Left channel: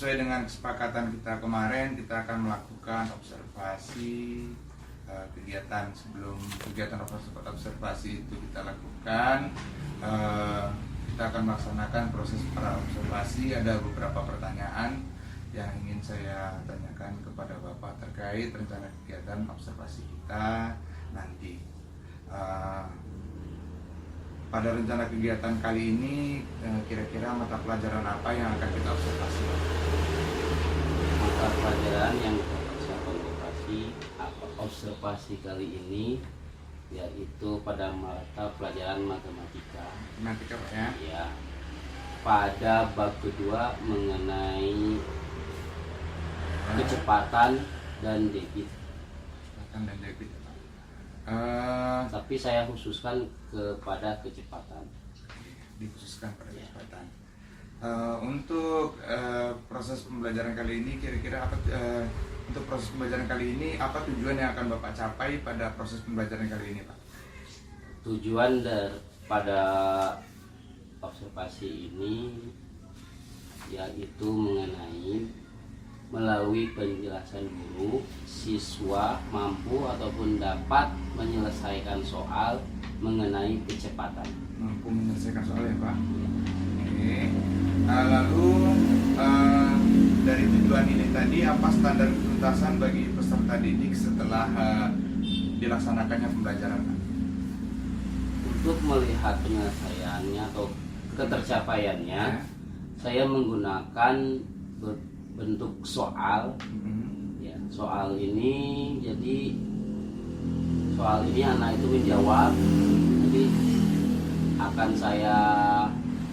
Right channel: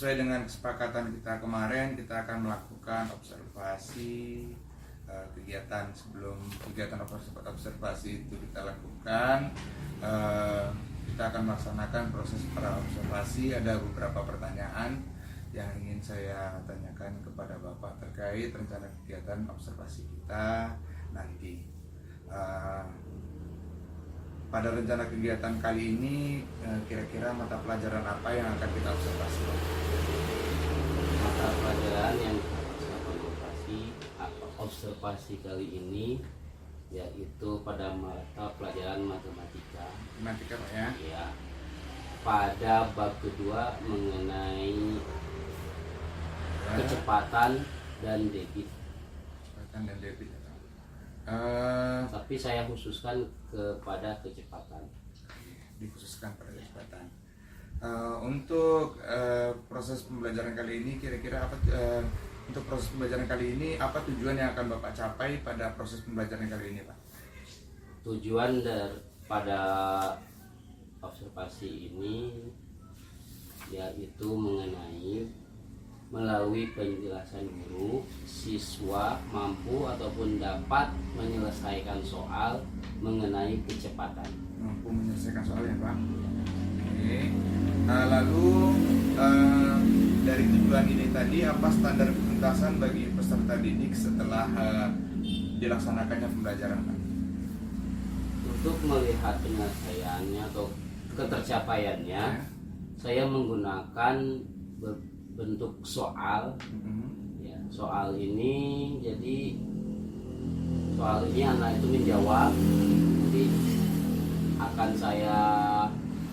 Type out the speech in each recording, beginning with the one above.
sesuai dengan kesepakatan kita kemarin, kita akan melakukan observasi kegiatan. Sebelum kegiatan observasi itu kita lakukan, kita akan melaksanakan proses pra-observasi. Ada beberapa pertanyaan yang ingin saya tanyakan kepada Bapak terkait rencana kegiatan observasi kita nanti. Pada rencana kegiatan kali ini, kira-kira mata pelajaran apa yang akan kita observasi, Pak? Mata pelajaran yang kita observasi kali ini yaitu pada mata pelajaran matematika. Matematika, Pak, ya? Ya. Pada bab kedua mengenai kecepatan dan debit. Kecepatan dan debit, ya, Pak. Tapi saya khususkan kepada kecepatan. Dikhususkan pada kecepatan. Untuk proses pembelajaran kali ini, kira-kira apa? Untuk proses pembelajaran kali ini, apa tujuan yang akan Bapak capai pada proses pembelajaran kali ini, Pak? Tujuan pada observasi ini yaitu mengenai melalui penjelasan guru, siswa mampu ataupun dapat menyelesaikan soal mengenai kecepatan. Mampu menyelesaikan soal, ya, Pak? Oke. Lalu dari tujuan ini tadi, apa standar ketuntasan bagi peserta didik setelah dilaksanakannya pembelajaran, Pak? Untuk melihat penyelesaiannya atau ketercapaiannya, saya menggunakan bentuk soal. Ya, soal ini anak itu menjawab, jadi akan saya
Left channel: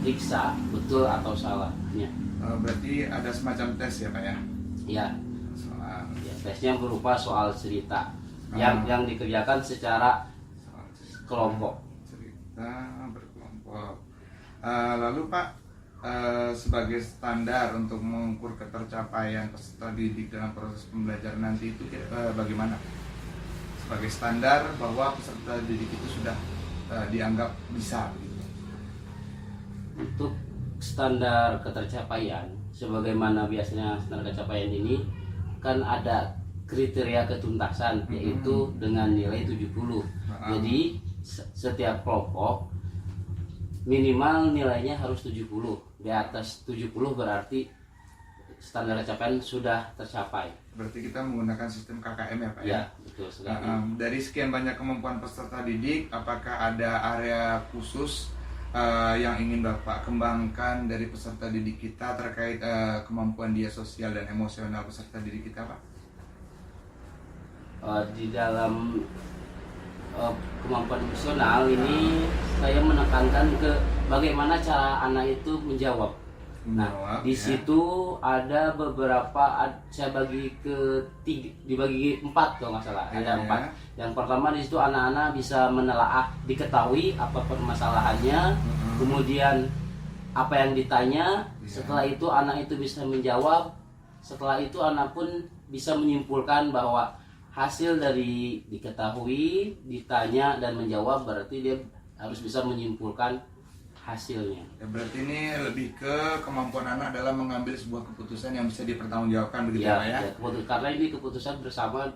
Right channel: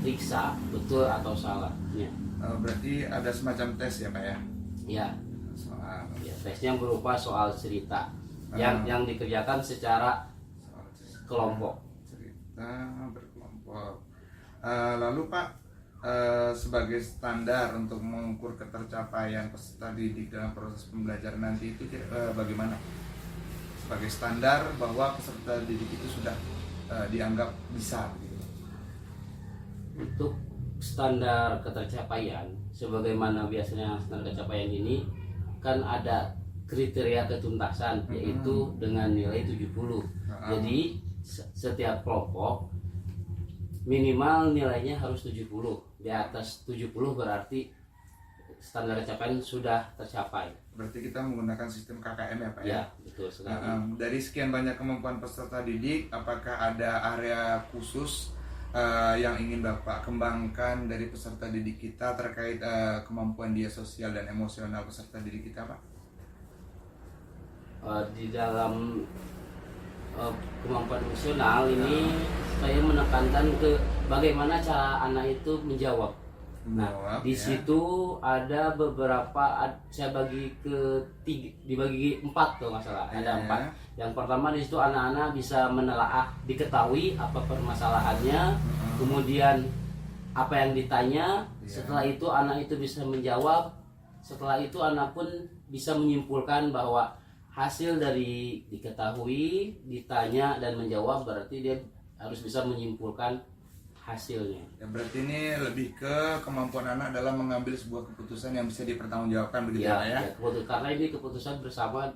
periksa betul atau salahnya. Berarti ada semacam tes, ya, Pak, ya? Ya. Soal. Ya, tesnya berupa soal cerita yang dikerjakan secara kelompok. Cerita berkelompok. Lalu, Pak, sebagai standar untuk mengukur ketercapaian peserta didik dalam proses pembelajaran nanti itu bagaimana? Sebagai standar bahwa peserta didik itu sudah dianggap bisa, begitu. Untuk standar ketercapaian, sebagaimana biasanya standar ketercapaian ini kan ada kriteria ketuntasan, yaitu dengan nilai 70. Jadi setiap kelompok minimal nilainya harus 70. Di atas 70 berarti standar capaian sudah tercapai. Berarti kita menggunakan sistem KKM, ya, Pak, ya? Ya, betul sekali. Dari sekian banyak kemampuan peserta didik, apakah ada area khusus yang ingin Bapak kembangkan dari peserta didik kita terkait kemampuan dia sosial dan emosional peserta didik kita, Pak? Di dalam kemampuan emosional ini saya menekankan ke bagaimana cara anak itu menjawab. Nah, di situ ada beberapa, saya bagi dibagi 4 kalau nggak salah. Ada 4. Yang pertama, di situ anak-anak bisa menelaah, diketahui apa permasalahannya, kemudian apa yang ditanya. Setelah itu anak itu bisa menjawab. Setelah itu anak pun bisa menyimpulkan bahwa hasil dari diketahui, ditanya dan menjawab, berarti dia harus bisa menyimpulkan hasilnya. Ya, berarti ini lebih ke kemampuan anak dalam mengambil sebuah keputusan yang bisa dipertanggungjawabkan, begitu, Pak, ya? Karena ini keputusan bersama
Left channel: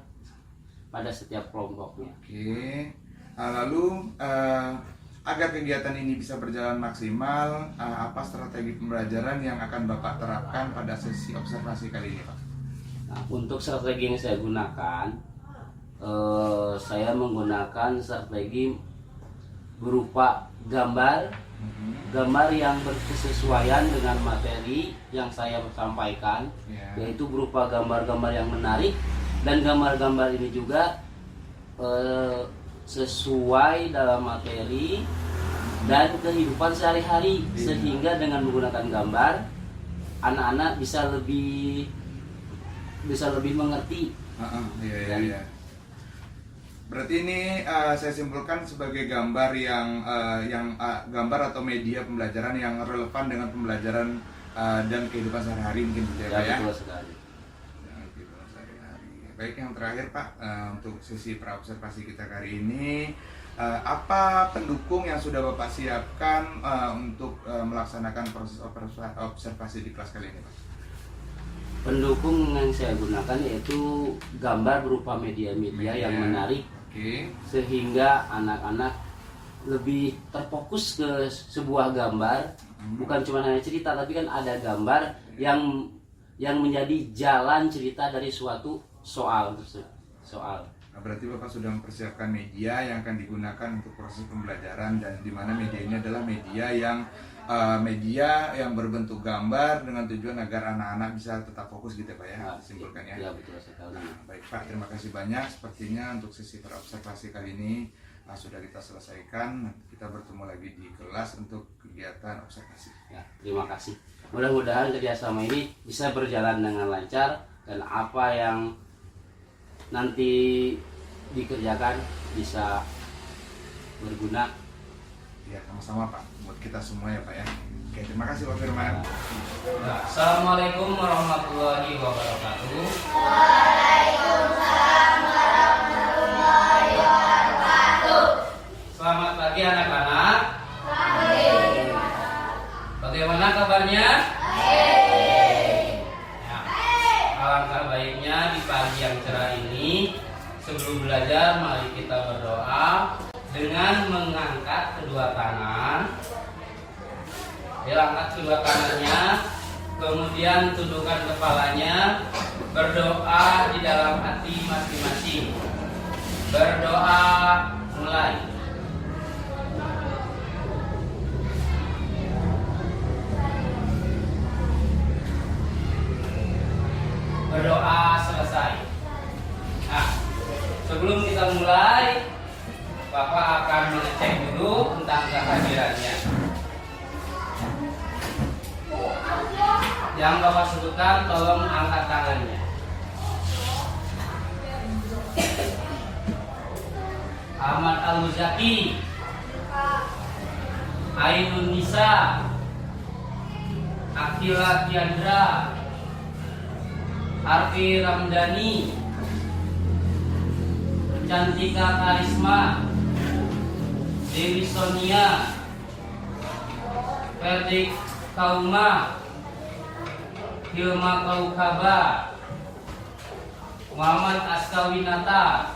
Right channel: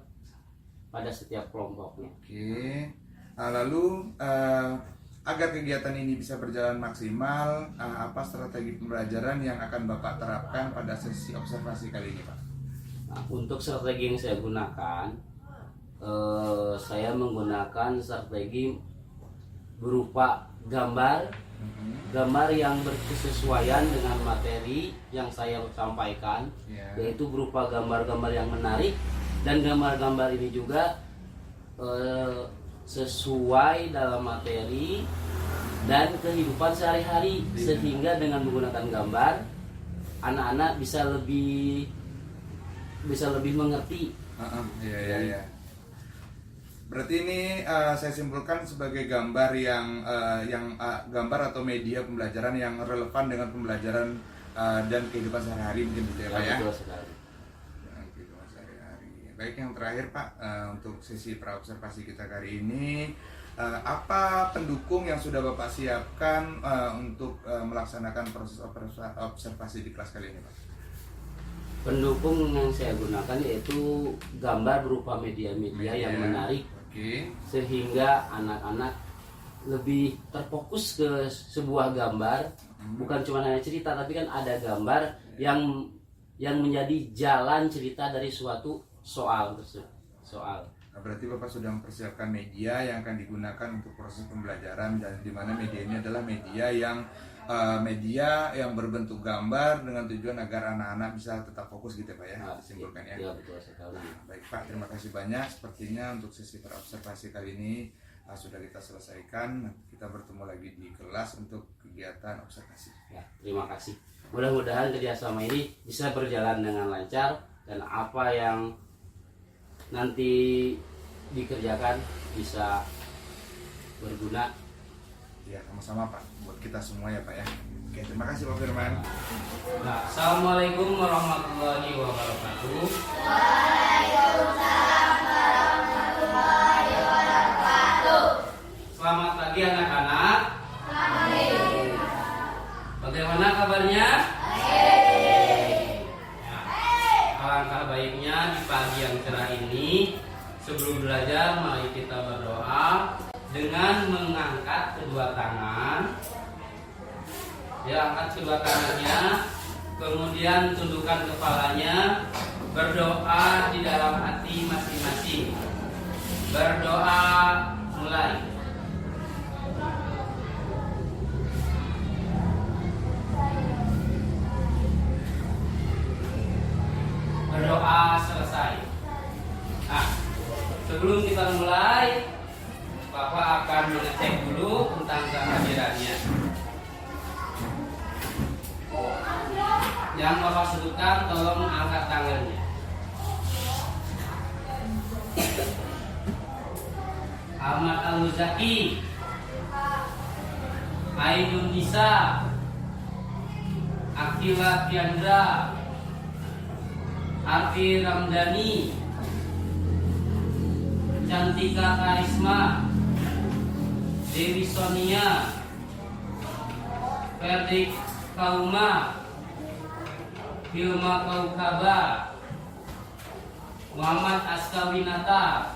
pada setiap kelompoknya. Oke. Lalu agar kegiatan ini bisa berjalan maksimal, apa strategi pembelajaran yang akan Bapak terapkan pada sesi observasi kali ini, Pak? Nah, untuk strategi yang saya gunakan, saya menggunakan strategi berupa gambar yang berkesesuaian dengan materi yang saya sampaikan, yaitu berupa gambar-gambar yang menarik, dan gambar-gambar ini juga sesuai dalam materi dan kehidupan sehari-hari, sehingga dengan menggunakan gambar anak-anak bisa lebih mengerti. Iya. Berarti ini saya simpulkan sebagai gambar yang gambar atau media pembelajaran yang relevan dengan pembelajaran dan kehidupan sehari-hari, mungkin, gitu, ya, Pak, ya? Betul sekali. Kehidupan sehari-hari. Baik, yang terakhir, Pak, untuk sesi pra-observasi kita kali ini, apa pendukung yang sudah Bapak siapkan untuk melaksanakan proses observasi di kelas kali ini, Pak? Pendukung yang saya gunakan yaitu gambar berupa media-media yang menarik, sehingga anak-anak lebih terfokus ke sebuah gambar, bukan cuma hanya cerita, tapi kan ada gambar yang menjadi jalan cerita dari suatu soal tersebut. Berarti Bapak sudah mempersiapkan media yang akan digunakan untuk proses pembelajaran, dan di mana media ini adalah media yang berbentuk gambar dengan tujuan agar anak-anak bisa tetap fokus gitu Pak ya, disimpulkan ya. Ya, betul sekali. Baik Pak, terima kasih banyak. Sepertinya untuk sesi observasi kali ini sudah kita selesaikan. Kita bertemu lagi di kelas untuk kegiatan observasi. Ya, terima kasih. Mudah-mudahan kerjasama ini bisa berjalan dengan lancar, dan apa yang nanti dikerjakan bisa berguna. Ya, sama-sama Pak, buat kita semua ya Pak ya. Oke, terima kasih Pak Firman. Assalamualaikum warahmatullahi wabarakatuh. Selamat pagi anak-anak. Bagaimana kabarnya? Alangkah baiknya di pagi yang cerah ini, sebelum belajar mari kita berdoa dengan mengangkat kedua tangan. Angkat kedua tangannya, kemudian tundukkan kepalanya, berdoa di dalam hati masing-masing. Berdoa mulai. Berdoa selesai. Nah, sebelum kita mulai, Bapak akan mengecek dulu tentang kehadirannya. Yang Bapak sebutkan, tolong angkat tangannya. Ahmad Al-Muzaki, Ainun Nisa, Akila Tiandra, Arfi Ramdhani, Cantika Karisma, Dewi Sonia, Ferdik Kauma, Hilma Kaukaba, Muhammad Askawinata,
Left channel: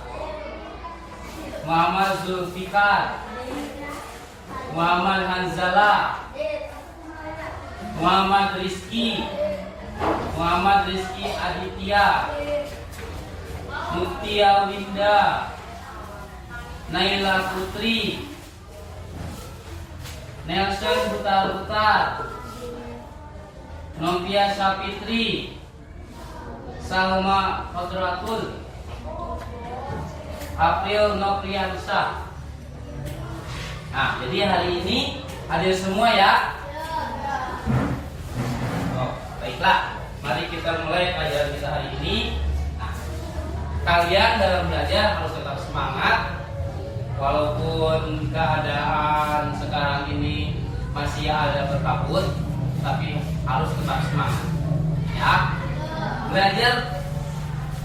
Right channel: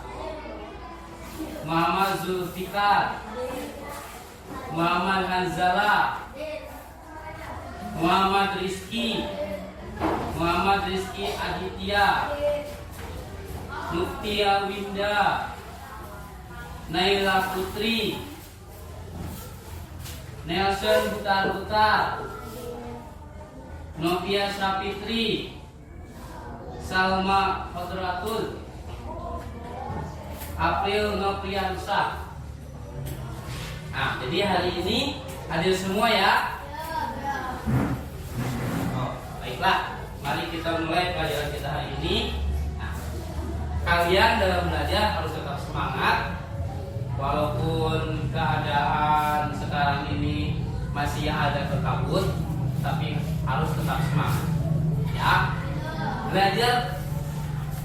Muhammad Zulfikar, Muhammad Hanzala, Muhammad Rizki, Muhammad Rizki Aditya, Mutia Winda, Naila Putri, Nelson Butar-Butar, Novia Sapitri, Salma Khodratul, April Nopriansa. Nah, jadi hari ini hadir semua ya. Oh, baiklah. Mari kita mulai pelajaran kita hari ini. Nah, kalian dalam belajar harus tetap semangat. Walaupun keadaan sekarang ini masih ada berkabut, tapi harus tetap semangat. Ya, belajar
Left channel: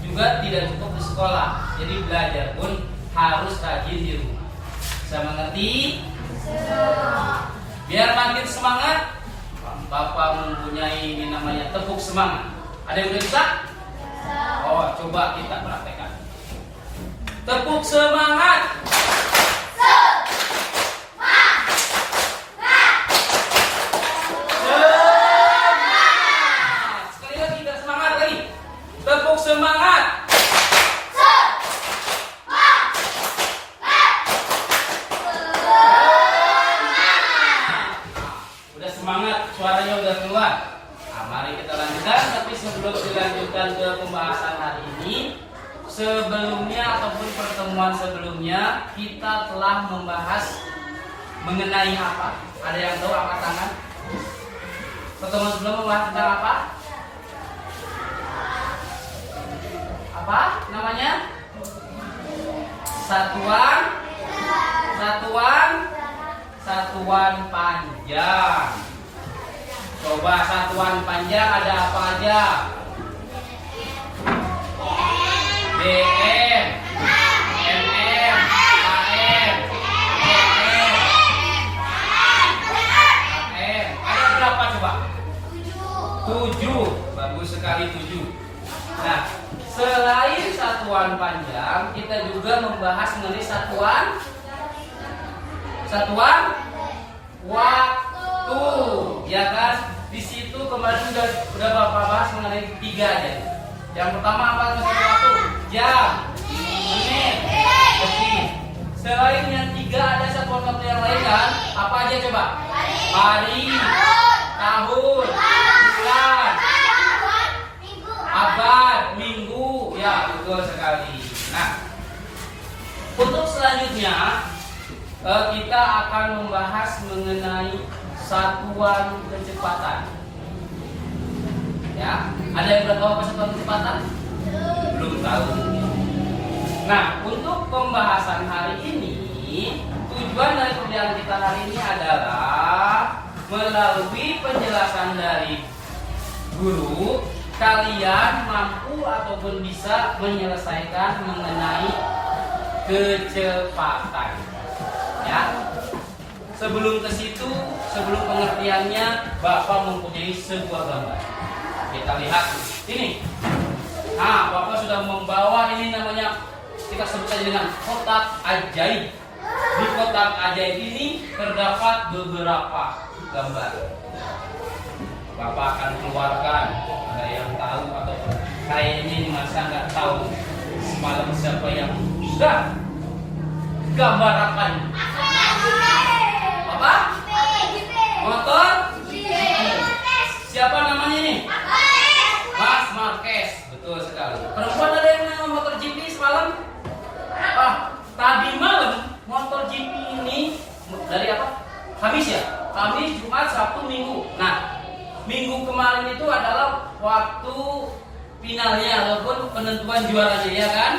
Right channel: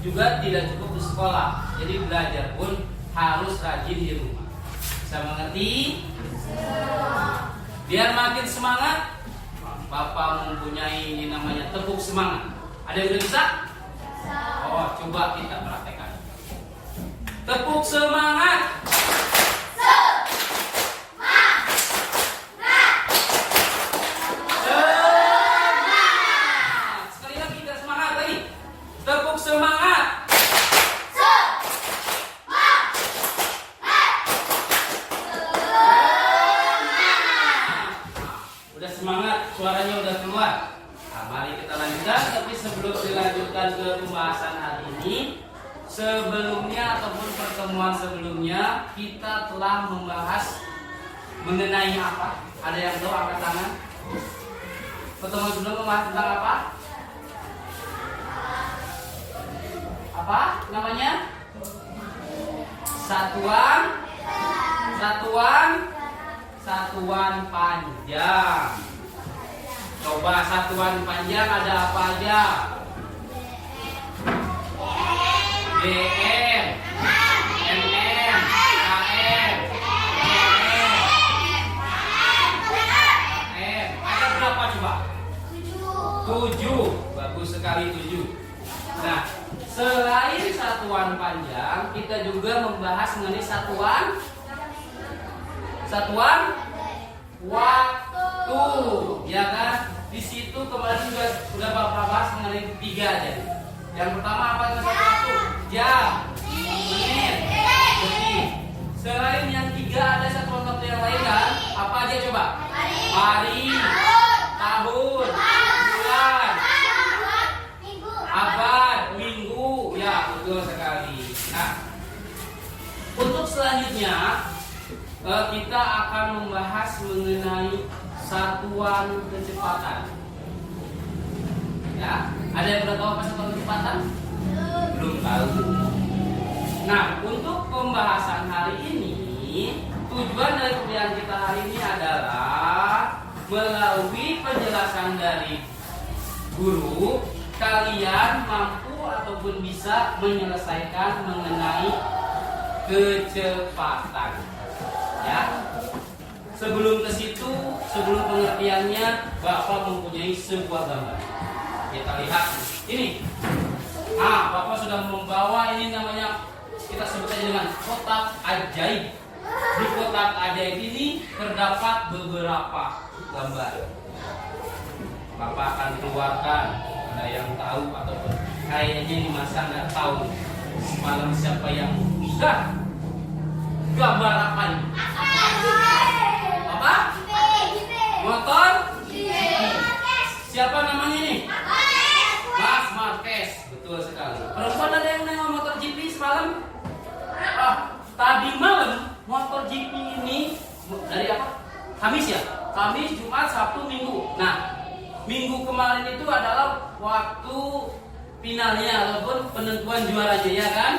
juga tidak cukup di sekolah. Jadi belajar pun harus rajin di rumah. Bisa mengerti? Biar makin semangat, Bapak mempunyai ini namanya tepuk semangat. Ada yang udah bisa? Oh, coba kita praktekkan. Tepuk semangat. Sekali lagi, kita semangat lagi. Tepuk semangat. Suaranya udah keluar. Nah, mari kita lanjutkan. Tapi sebelum dilanjutkan ke pembahasan hari ini, sebelumnya ataupun pertemuan sebelumnya kita telah membahas mengenai apa? Ada yang tahu, angkat tangan. Pertemuan sebelum membahas tentang apa? Apa namanya? Satuan panjang. Coba satuan panjang ada apa aja? BM, MM, AM, AM. Ada berapa coba? 7. Bagus sekali 7. Nah, selain satuan panjang, kita juga membahas mengenai satuan waktu, ya kan? Di situ kemarin udah Bapak bahas mengenai 3 aja. Yang pertama apa itu satu waktu? Jam, menit, detik. Selain yang 3 ada satuan waktu yang lain kan? Apa aja coba? Hari, tahun, bulan, abad, minggu, ya betul sekali. Nah, untuk selanjutnya kita akan membahas mengenai satuan kecepatan. Ya, ada yang udah tahu apa satuan kecepatan? Belum tahu. Nah, untuk pembahasan hari ini, tujuan dari kuliah kita hari ini adalah melalui penjelasan dari guru, kalian mampu ataupun bisa menyelesaikan mengenai kecepatan. Ya. Sebelum ke situ, sebelum pengertiannya, Bapak mempunyai sebuah gambar. Kita lihat ini. Nah, Bapak sudah membawa ini namanya, kita sebut saja dengan kotak ajaib. Di kotak ajaib ini terdapat beberapa gambar. Bapak akan keluarkan. Ada yang tahu ataupun kayaknya ini masa nggak tahu. Semalam siapa yang sudah gambar apa ini? Apa? Motor? Siapa namanya ini? Mas Marquez. Betul sekali. Perempuan ada yang nanya motor GP semalam? Tadi malam motor GP ini dari apa? Kamis ya? Kamis, Jumat, Sabtu, Minggu. Nah, minggu kemarin itu adalah waktu finalnya ataupun penentuan juaranya, ya kan?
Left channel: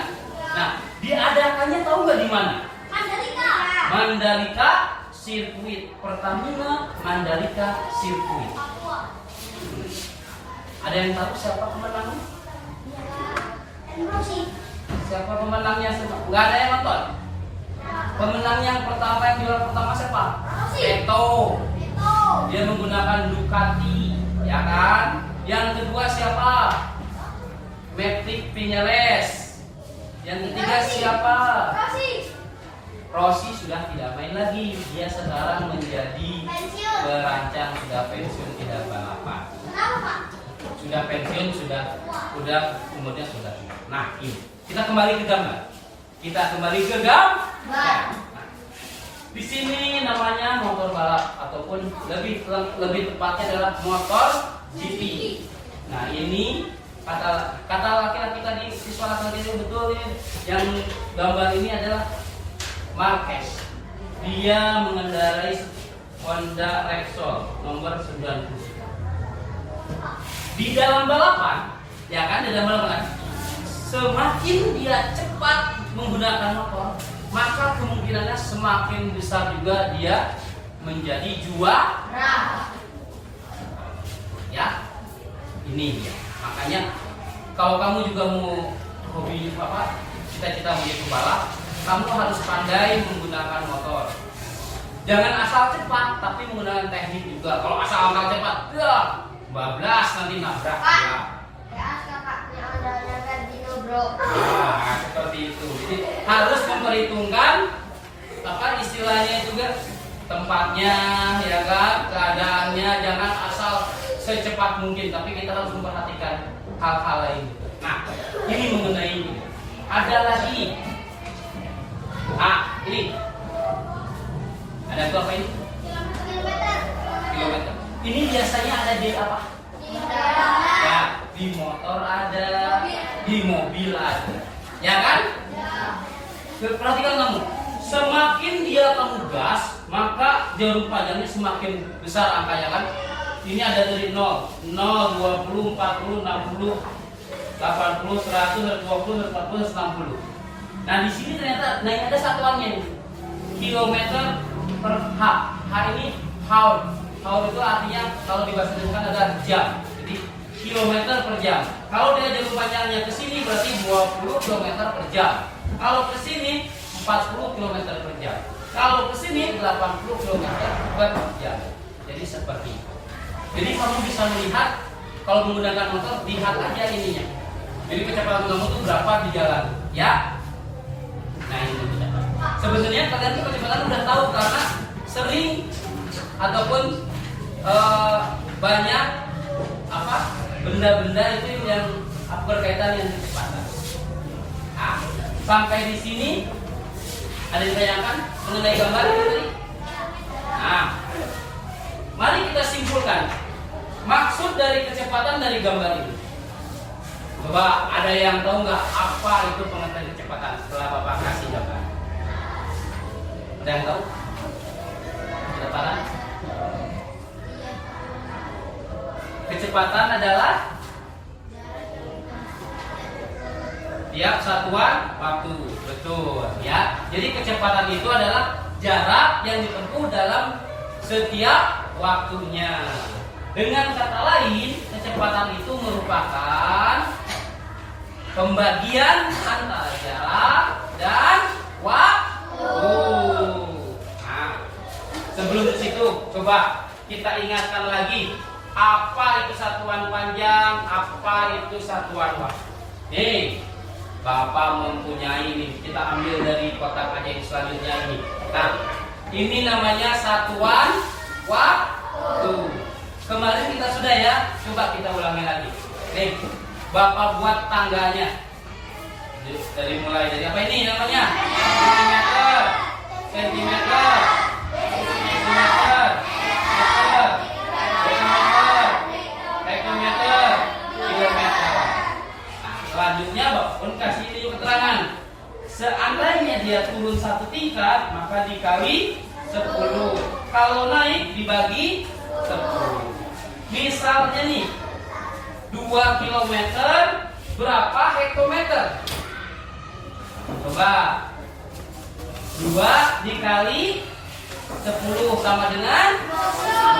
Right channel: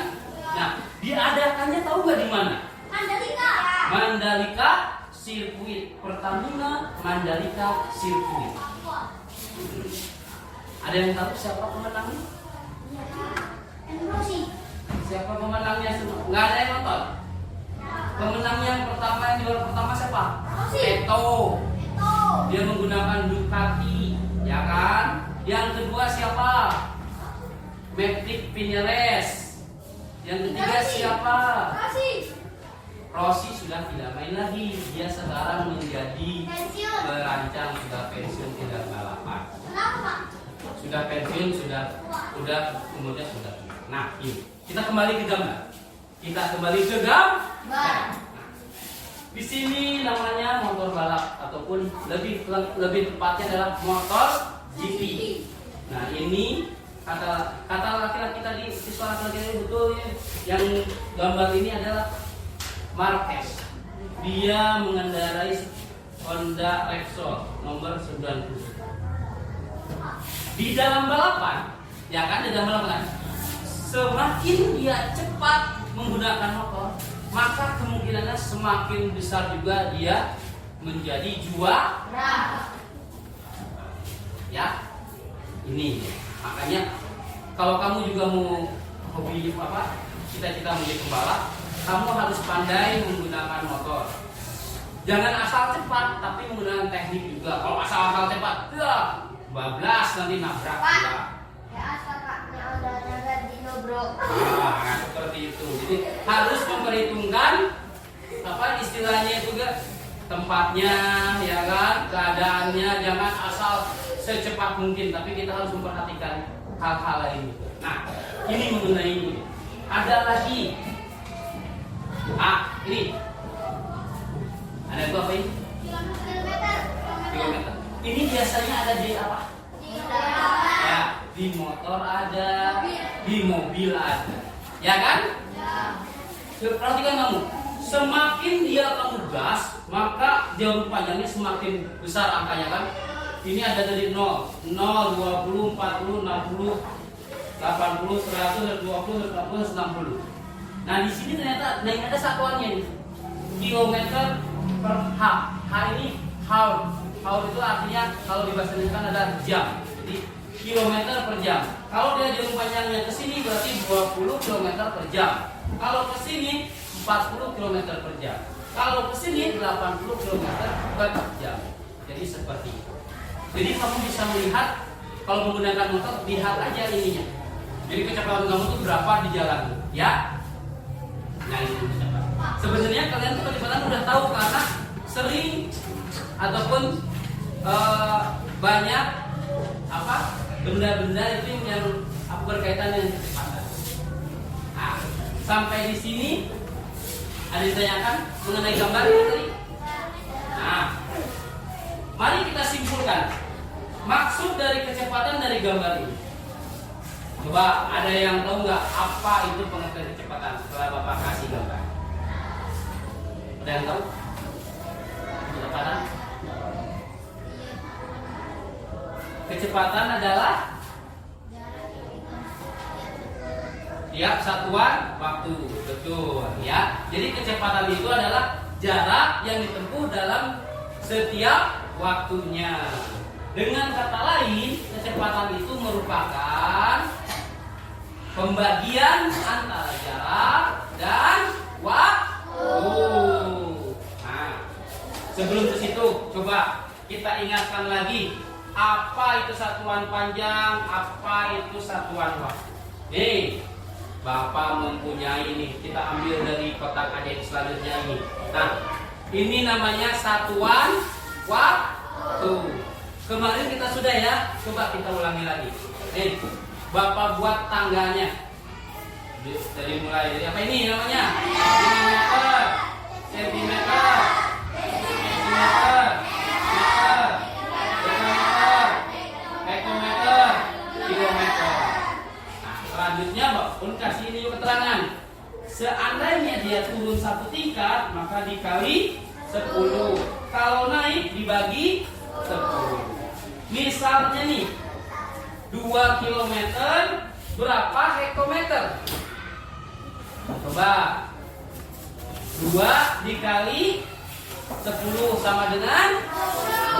Nah, diadakannya tahu nggak di mana? Mandalika Sirkuit, Pertamina Mandalika Sirkuit. Ada yang tahu siapa pemenangnya? Siapa pemenangnya? Nggak ada yang nonton. Pemenang yang pertama, yang juara pertama siapa? Beto. Dia menggunakan Ducati, ya kan? Yang kedua siapa? Matic Vinales. Yang ketiga siapa? Rossi sudah tidak main lagi. Dia sekarang menjadi perancang, sudah pensiun, tidak balapan. Sudah pensiun, sudah umurnya sudah. Nah, ini kita kembali ke gambar. Nah, di sini namanya motor balap ataupun lebih tepatnya adalah motor GP. Nah, ini kata laki-laki tadi, siswa laki-laki itu betul ya. Yang gambar ini adalah Marquez. Dia mengendarai Honda Repsol nomor 90. Di dalam balapan, ya kan, di dalam balapan, semakin dia cepat menggunakan motor, maka kemungkinannya semakin besar juga dia menjadi juara. Ya, ini dia. Makanya kalau kamu juga mau hobi apa, cita-cita menjadi pembalap, kamu harus pandai menggunakan motor. Jangan asal cepat, tapi menggunakan teknik juga. Kalau asal cepat, ya bablas nanti nabrak ya. Nah, seperti itu. Jadi harus memperhitungkan apa istilahnya juga, tempatnya, ya kan, keadaannya. Jangan asal secepat mungkin, tapi kita harus memperhatikan hal-hal lain. Nah, ini mengenai ini. Ada lagi. Ini. Ada itu apa ini? Kilometer. Ini biasanya ada di apa? Ya, di motor ada, di mobil ada. Ya kan? Perhatikan kamu. Semakin dia kamu gas, maka jarum panjangnya semakin besar angkanya kan? Ini ada dari 0, 20, 40, 60, 80, 100, 120, 140, 160. Nah, di sini ternyata ada satuannya nih. Kilometer per H. H ini hour. Hour itu artinya kalau di bahasa Indonesia ada jam. Jadi kilometer per jam. Kalau dia jarum panjangnya ke sini berarti 20 km per jam. Kalau ke sini 40 km per jam. Kalau ke sini 80 km per jam. Jadi seperti itu. Jadi kamu bisa melihat kalau menggunakan motor lihat aja ininya. Jadi kecepatan kamu tuh berapa di jalan, ya? Nah ini kecepatan. Sebenarnya kalian tuh kecepatan udah tahu karena sering ataupun banyak apa benda-benda itu yang berkaitan dengan kecepatan. Nah, sampai di sini ada yang ditanyakan mengenai gambar ini tadi. Nah, mari kita simpulkan maksud dari kecepatan dari gambar ini. Coba ada yang tahu nggak apa itu pengertian kecepatan setelah Bapak kasih gambar? Ada yang tahu? Kecepatan? Kecepatan adalah tiap satuan waktu, betul ya. Jadi kecepatan itu adalah jarak yang ditempuh dalam setiap waktunya. Dengan kata lain, kecepatan itu merupakan pembagian antara jarak dan waktu. Nah, sebelum ke situ, coba kita ingatkan lagi apa itu satuan panjang, apa itu satuan waktu. Nih, Bapak mempunyai ini. Kita ambil dari kotak ajaib selanjutnya ini. Nah, ini namanya satuan waktu. Kemarin kita sudah ya, coba kita ulangi lagi. Nih, Bapak buat tangganya. Dari mulai dari apa ini namanya? Meter, sentimeter, meter, hektometer, kilometer. Nah, selanjutnya Bapak pun kasih ini keterangan. Seandainya dia turun satu tingkat, maka dikali 10. Kalau naik dibagi 10. Misalnya nih 2 km berapa hektometer? Coba 2 dikali 10 sama dengan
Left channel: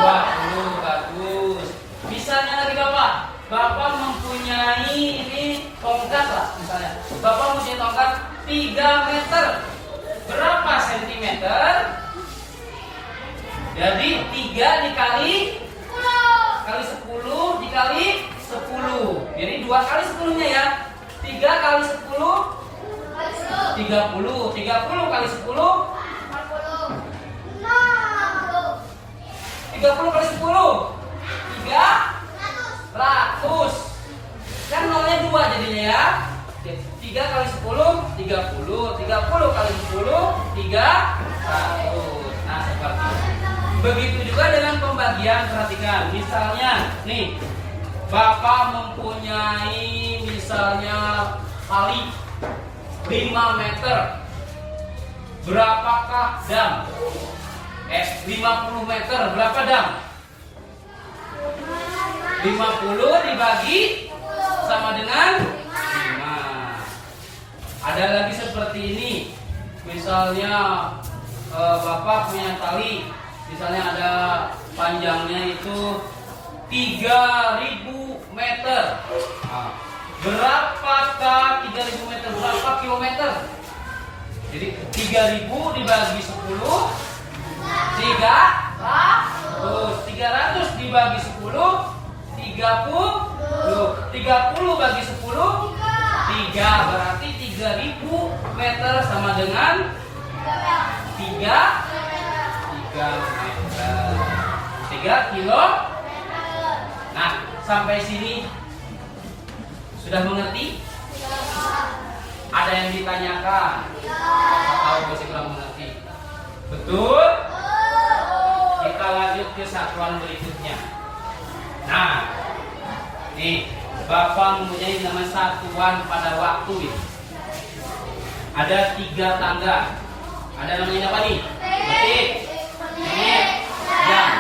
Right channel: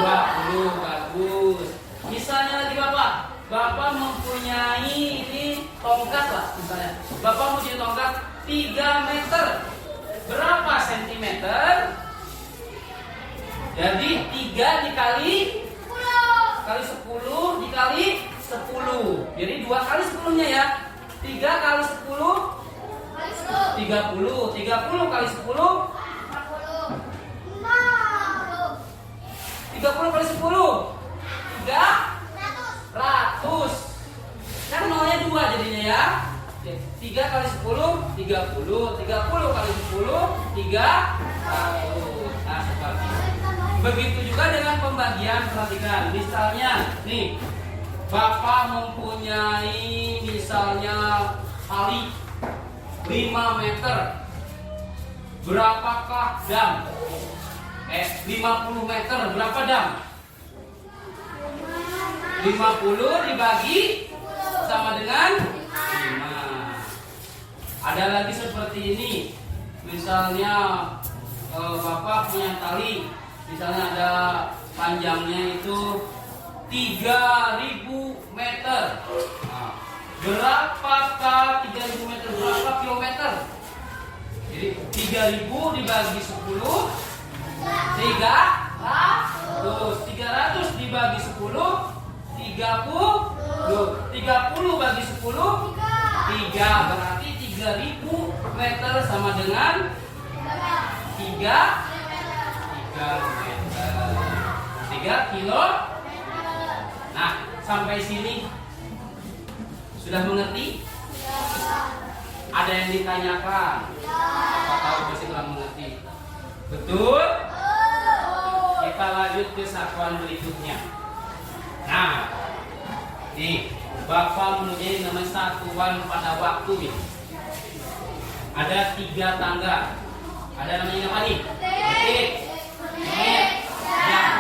20. Bagus. Misalnya lagi Bapak mempunyai ini tongkat lah misalnya. Bapak mempunyai tongkat 3 meter. Berapa sentimeter? Jadi 3 dikali 10 dikali 10. Jadi 2 kali 10-nya ya. 3 kali 10 30. 30 kali 10 30 kali 10 300. Kan nolnya 2 jadinya ya. 3 kali 10 30. 30 kali 10 300. Nah, seperti itu. Begitu juga dengan pembagian, perhatikan. Misalnya, nih, Bapak mempunyai misalnya kali 5 meter. Berapakah dam? 50 meter, berapa dam? 50 dibagi sama dengan 5. Ada lagi seperti ini. Misalnya Bapak punya tali, misalnya ada panjangnya itu 3000 meter. Nah, berapakah 3000 meter? Berapa kilometer? Jadi 3000 dibagi 10 300 dibagi 10 30 bagi 10 3, berarti 3000 meter sama dengan 3 meter 3 kilo. Nah, sampai sini sudah mengerti? Ada yang ditanyakan? Atau masih kurang mengerti? Betul? Kita lanjut ke satuan berikutnya. Nah, nih Bapak mempunyai nama satuan pada waktu ini. Ada 3 tangga. Ada namanya apa nih? Detik, menit, jam.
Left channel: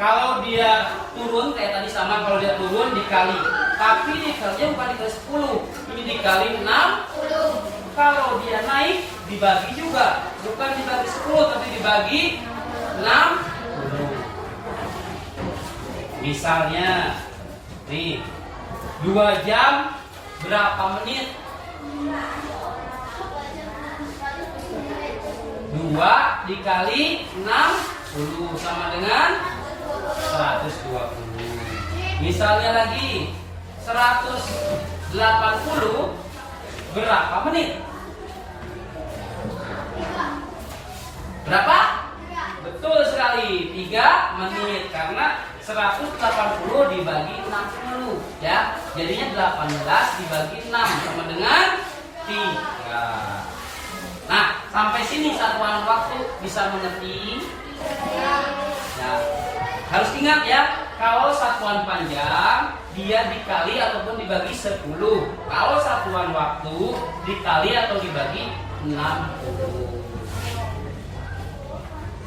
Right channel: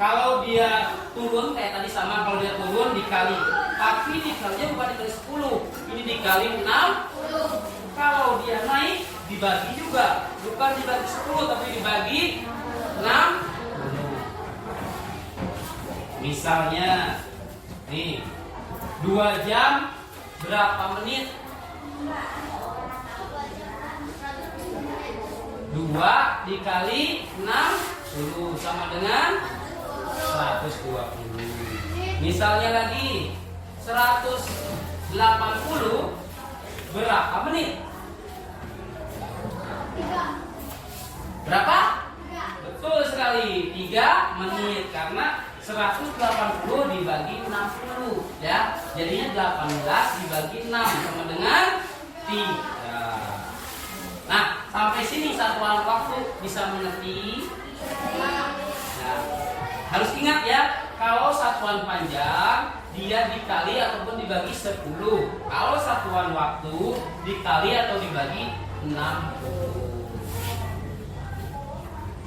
Kalau dia turun kayak tadi sama, kalau dia turun dikali. Tapi dikalinya bukan dikali 10, ini dikali 60. Kalau dia naik dibagi juga, bukan dibagi 10 tapi dibagi 60. Misalnya nih 2 jam berapa menit? 2 dikali 60 sama dengan 120. Misalnya lagi 180 berapa menit? Berapa? Betul sekali, 3 menit karena 180 dibagi 60 ya. Jadinya 18 dibagi 6 sama dengan 3. Nah, sampai sini satuan waktu bisa mengerti? Nah, harus ingat ya, kalau satuan panjang dia dikali ataupun dibagi 10. Kalau satuan waktu dikali atau dibagi 60.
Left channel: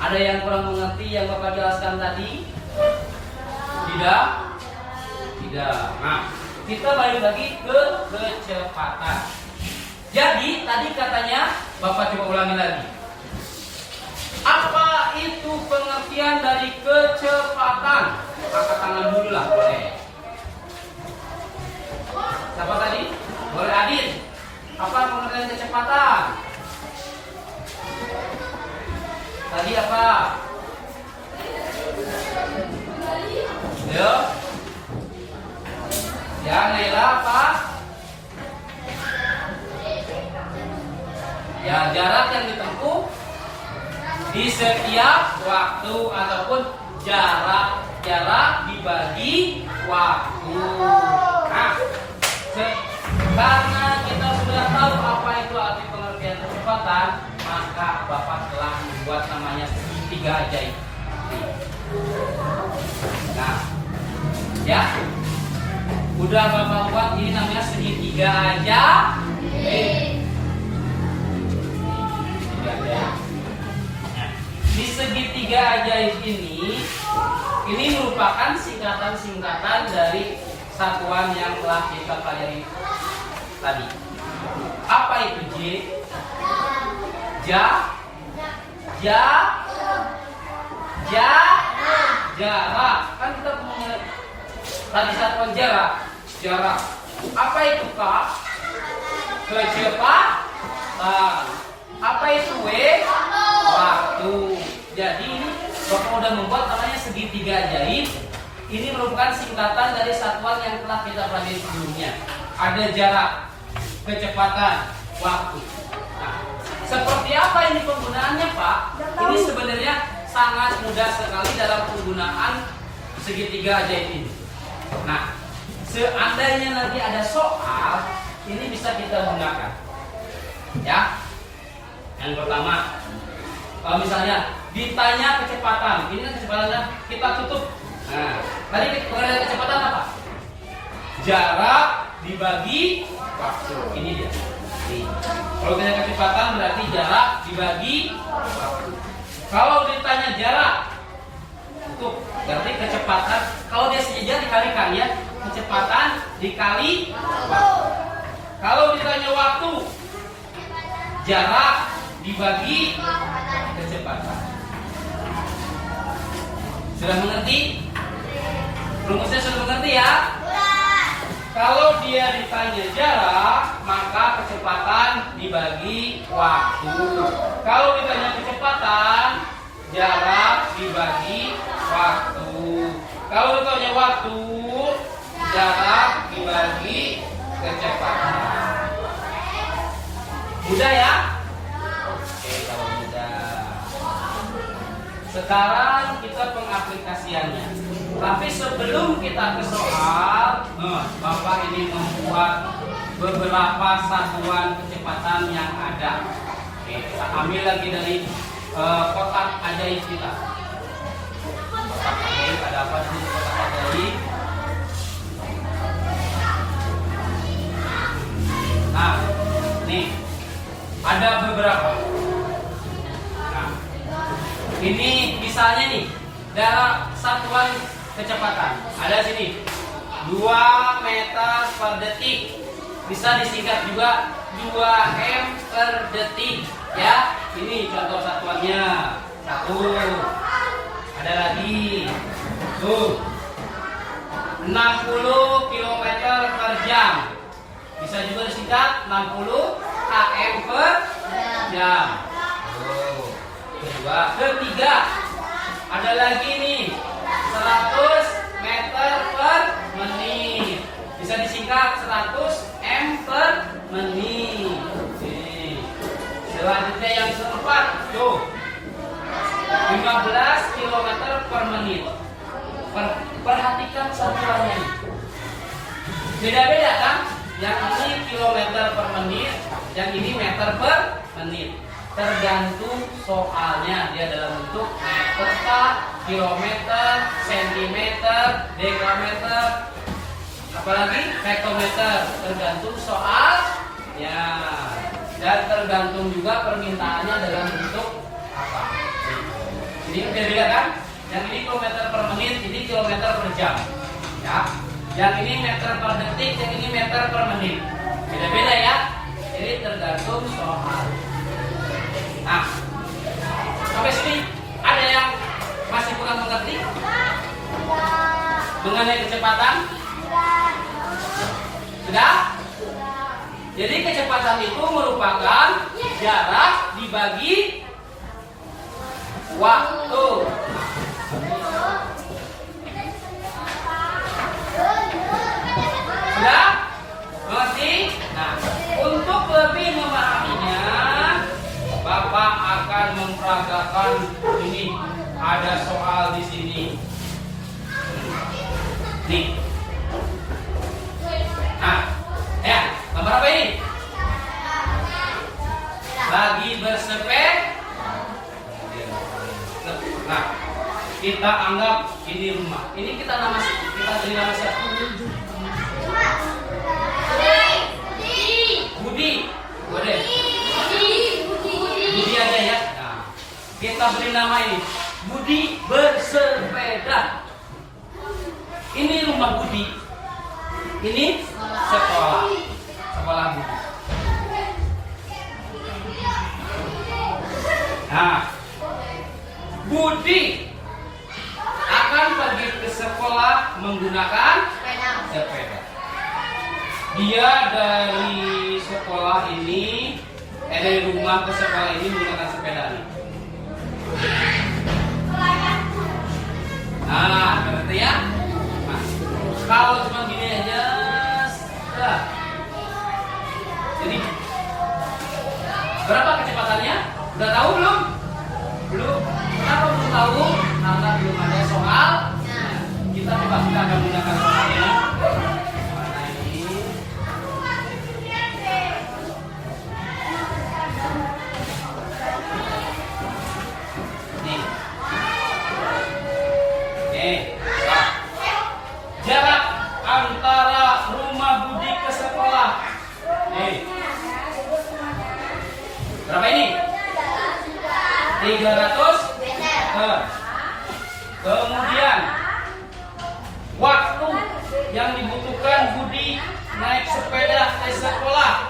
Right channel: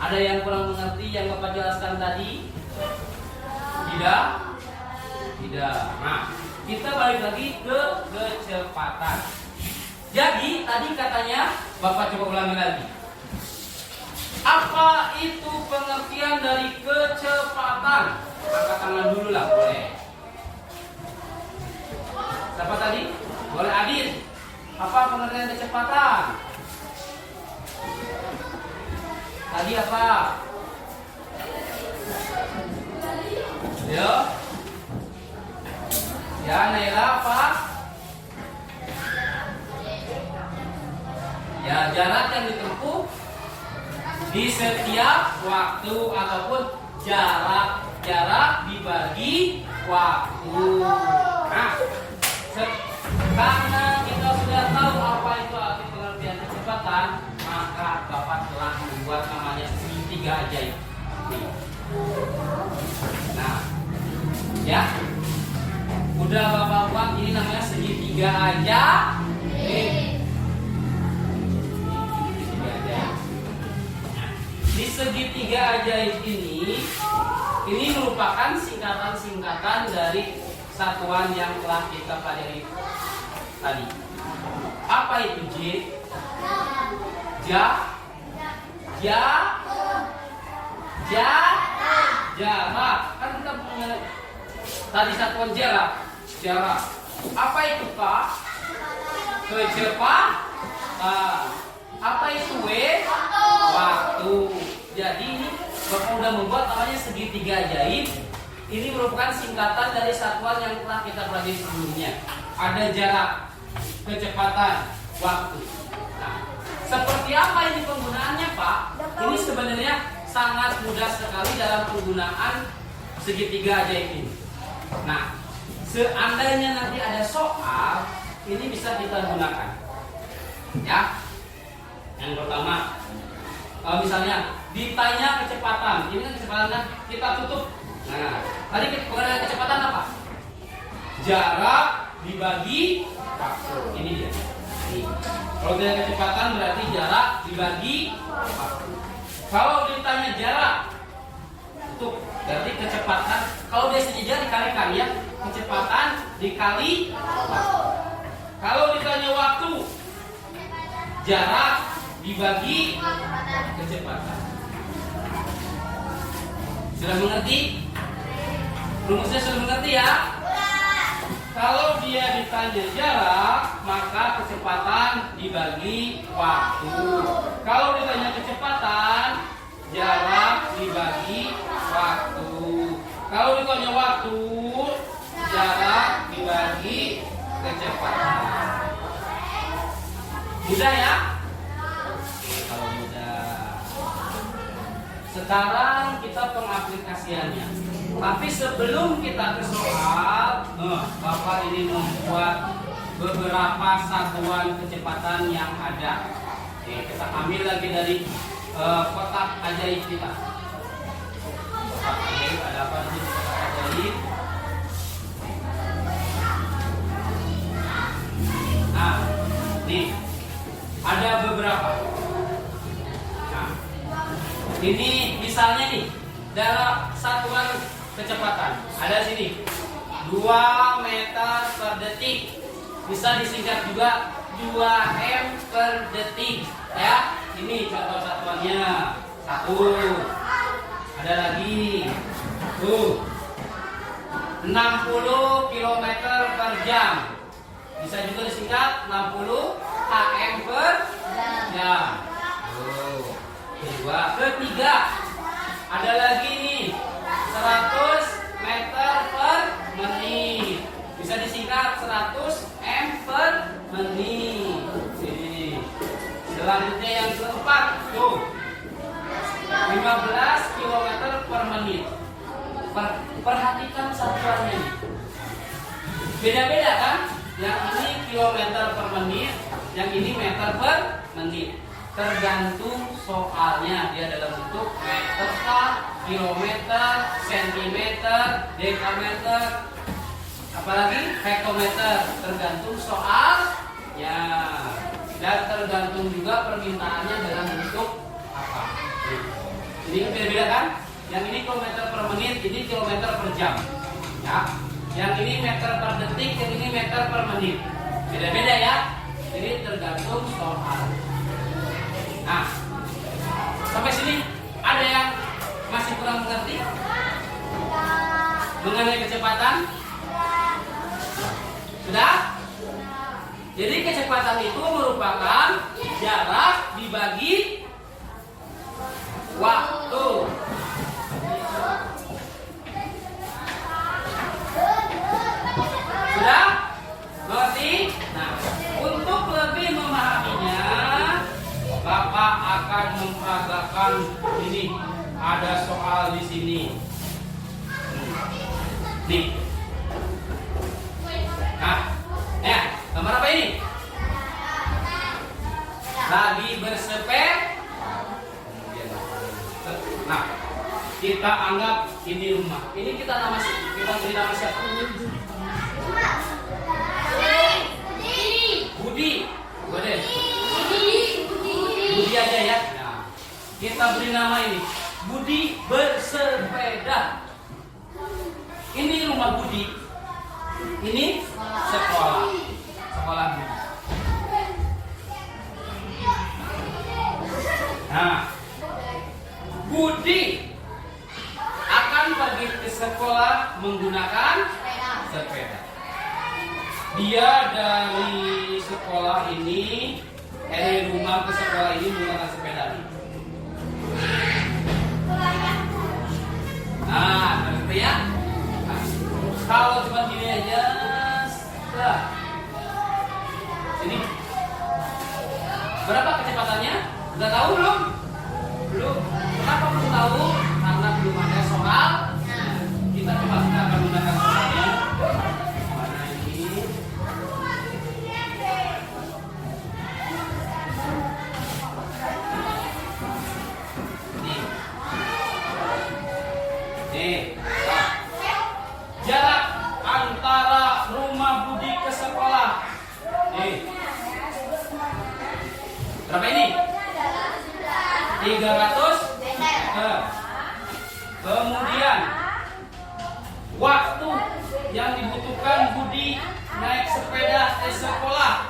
Ada yang kurang mengerti yang Bapak jelaskan tadi? Tidak? Tidak. Nah, kita balik lagi ke kecepatan. Jadi tadi katanya Bapak coba ulangi lagi. Apa itu pengertian dari kecepatan? Angkat tangan dulu lah, boleh. Siapa tadi? Boleh Adit. Apa pengertian kecepatan? Tadi apa? Yo. Ya, Naila apa? Ya, jarak yang ditempuh di setiap waktu ataupun jarak dibagi waktu. Nah, karena kita sudah tahu apa itu arti pengertian kecepatan, maka Bapak telah membuat namanya segitiga ajaib. Nah, ya, udah Bapak buat ini namanya segitiga ajaib. Di segitiga ajaib ini merupakan singkatan-singkatan dari satuan yang telah kita pelajari tadi. Apa itu J? Jarak. Kan kita punya tadi satuan jarak. Apa itu K? Kecepatan. Apa itu W? Waktu. Jadi ini Bapak udah membuat namanya segitiga ajaib. Ini merupakan singkatan dari satuan yang telah kita pelajari sebelumnya. Ada jarak, kecepatan, waktu. Nah, seperti apa ini penggunaannya Pak? Ini sebenarnya sangat mudah sekali dalam penggunaan segitiga ajaib ini. Nah, seandainya nanti ada soal, ini bisa kita gunakan. Ya. Yang pertama, misalnya ditanya kecepatan, ini kan kecepatannya kita tutup. Nah, tadi pengertian kecepatan apa? Jarak dibagi waktu. Ini dia. Nih. Kalau ditanya kecepatan berarti jarak dibagi waktu. Kalau ditanya jarak, itu berarti kecepatan. Kalau dia sejajar dikalikan ya, kecepatan dikali waktu. Kalau ditanya waktu, jarak dibagi kecepatan. Sudah mengerti? Rumusnya sudah mengerti ya? Kalau dia ditanya jarak, maka kecepatan dibagi waktu. Kalau ditanya kecepatan, jarak dibagi waktu. Kalau ditanya waktu, jarak dibagi kecepatan. Mudah ya? Oke, kalau mudah. Sekarang kita pengaplikasiannya. Tapi sebelum kita ke soal, Bapak ini membuat beberapa satuan kecepatan yang ada. Oke, kita ambil lagi dari kotak ajaib kita. Kotak ajaib, ada apa di sini kotak ajaib? Nah, nih ada beberapa. Nah, ini misalnya nih, dalam satuan kecepatan ada sini 2 meter per detik, bisa disingkat juga 2 m per detik ya. Ini contoh satuannya. 1. Ada lagi tuh 60 km per jam, bisa juga disingkat 60 km per jam. Ketiga ada lagi nih 100 meter Perhatikan satuannya ini. Beda-beda kan? Yang ini kilometer per menit, yang ini meter per menit. Tergantung soalnya, dia dalam bentuk meter, kilometer, sentimeter, dekameter, apalagi hektometer. Tergantung soalnya dan tergantung juga permintaannya dalam bentuk apa. Ini beda kan? Yang ini kilometer per menit, ini kilometer per jam. Ya. Yang ini meter per detik, yang ini meter per menit. Beda-beda ya. Ini tergantung soal. Nah, sampai sini ada yang masih kurang mengerti mengenai kecepatan? Sudah? Jadi kecepatan itu merupakan jarak dibagi waktu. Sudah? Mengerti? Nah, untuk lebih memahaminya, Bapak akan memperagakan ini. Ada soal di sini. Nih. Nah, ya, gambar apa ini? Lagi bersepeda. Nah, kita anggap ini rumah. Ini kita beri nama siapa? Budi. Budi aja ya. Nah, kita beri nama ini. Budi bersepeda. Ini rumah Budi. Ini sekolah. Sekolah Budi. Nah, Budi akan pergi ke sekolah menggunakan sepeda. Dia dari sekolah ini, dari rumah ke sekolah ini menggunakan sepeda nih. Nah, ngerti ya? Nah, kalau cuma gini aja, sudah. Jadi, berapa kecepatannya? Udah tahu belum? Belum. Kenapa belum tahu? Karena belum ada soal. Nah, kita coba kita akan menggunakan soalnya. Mana ini? Nih. Nah. Jarak antara rumah Budi ke sekolah. Nih. Berapa ini? 300 meter. Kemudian waktu yang dibutuhkan Budi naik sepeda ke sekolah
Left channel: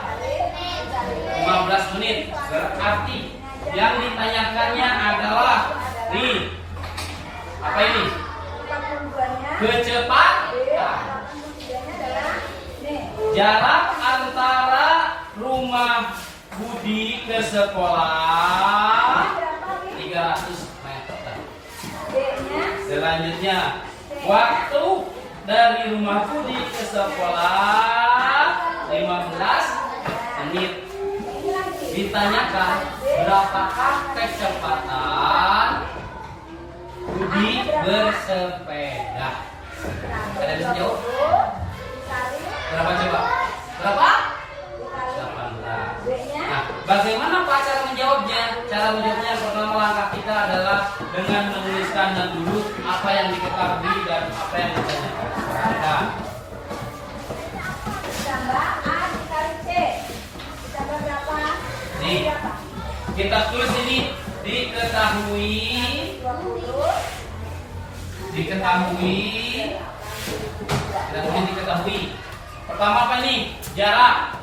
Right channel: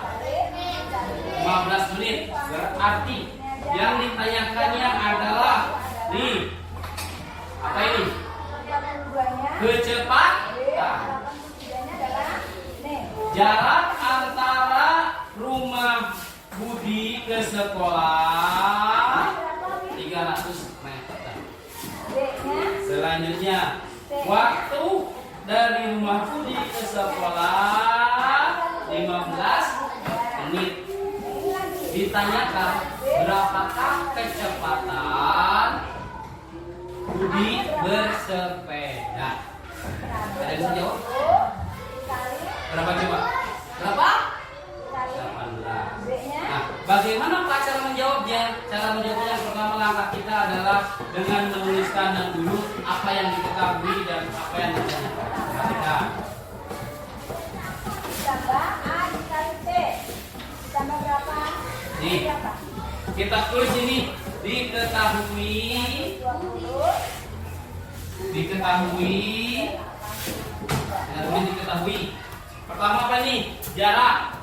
15 menit. Berarti yang ditanyakannya adalah nih, apa ini? Kecepatan. Jarak antara rumah Budi ke sekolah 300 meter. Selanjutnya, waktu dari rumah Budi ke sekolah 15 menit. Ditanyakan berapakah kecepatan Budi bersepeda? Ada yang bisa jawab? Berapa coba? Berapa? 18. Nah, bagaimana Pak cara menjawabnya? Cara menjawabnya yang pertama langkah kita adalah dengan menuliskan dulu apa yang diketahui dan apa yang ditanyakan. Perhatikan. Ditambah A dikali C. Ditambah berapa? Nih, kita tulis ini diketahui. 20. Diketahui. Kita tulis diketahui. Pertama apa nih? Jarak.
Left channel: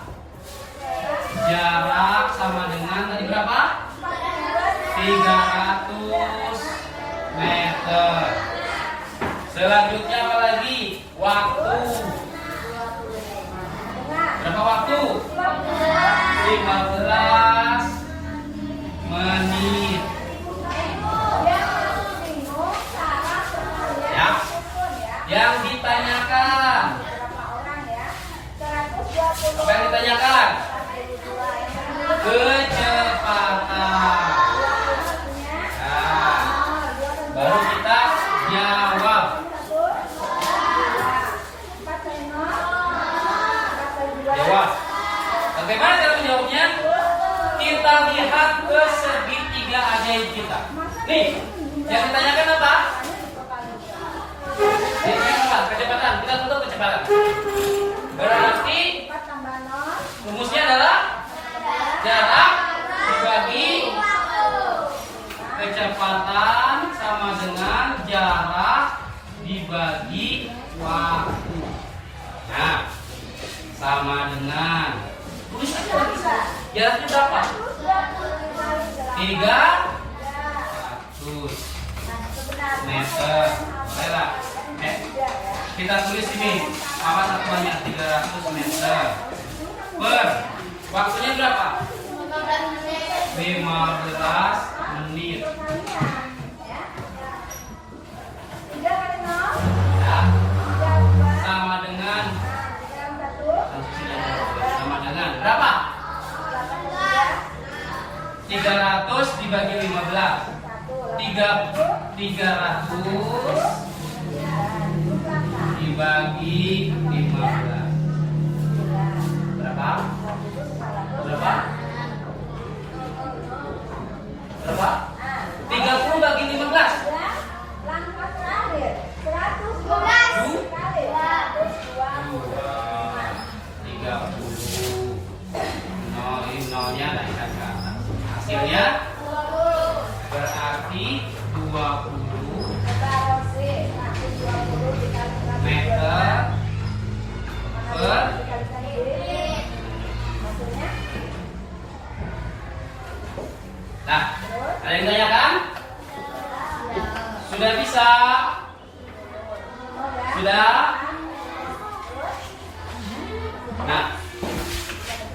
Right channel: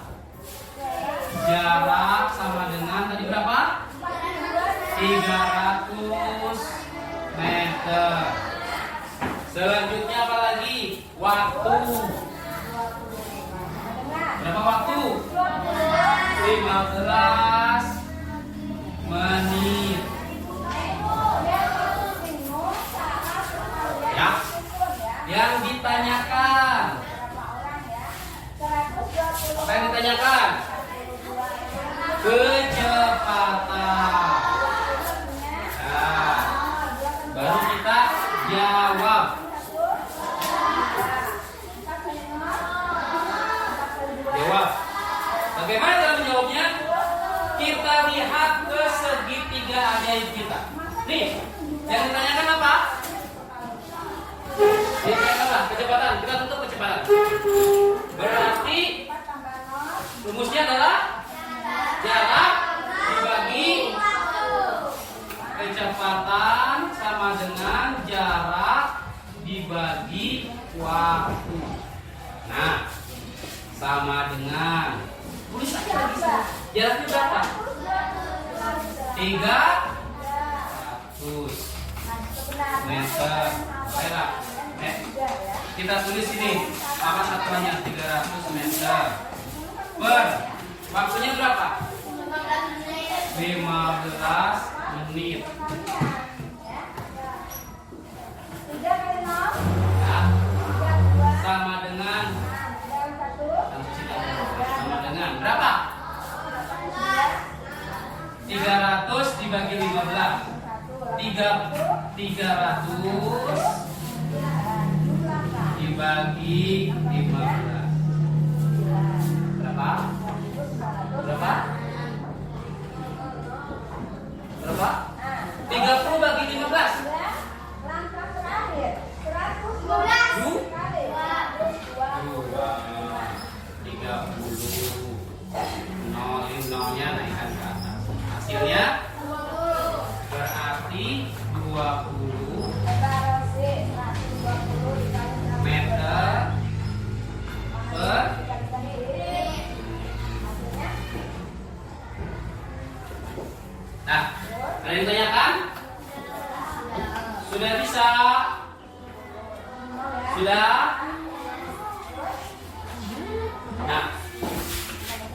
Jarak sama dengan tadi berapa? 300 meter. Selanjutnya apa lagi? Waktu. Berapa waktu? 15 menit. Ya. Yang ditanyakan. Apa yang ditanyakan? Kecepatan. Nah, baru kita jawab. Nih, yang ditanyakan apa? Kecepatan. Kita tutup kecepatan. Berarti rumusnya adalah jarak dibagi kecepatan sama dengan jarak dibagi waktu. Nah, sama dengan tulis aja. Jaraknya berapa? 300 meter. Baiklah. Kita tulis ini apa satuannya 300 meter per waktunya berapa? 15 menit. Ya. Sama dengan berapa? 300 dibagi 15. 300 dibagi 15. Berapa? Berapa? Berapa? 30 bagi 15. Langkah terakhir 112 ini nolnya naikkan ke atas. Hasilnya berarti 20 meter per. Nah, ada yang tanyakan? Sudah bisa? Sudah? Nah,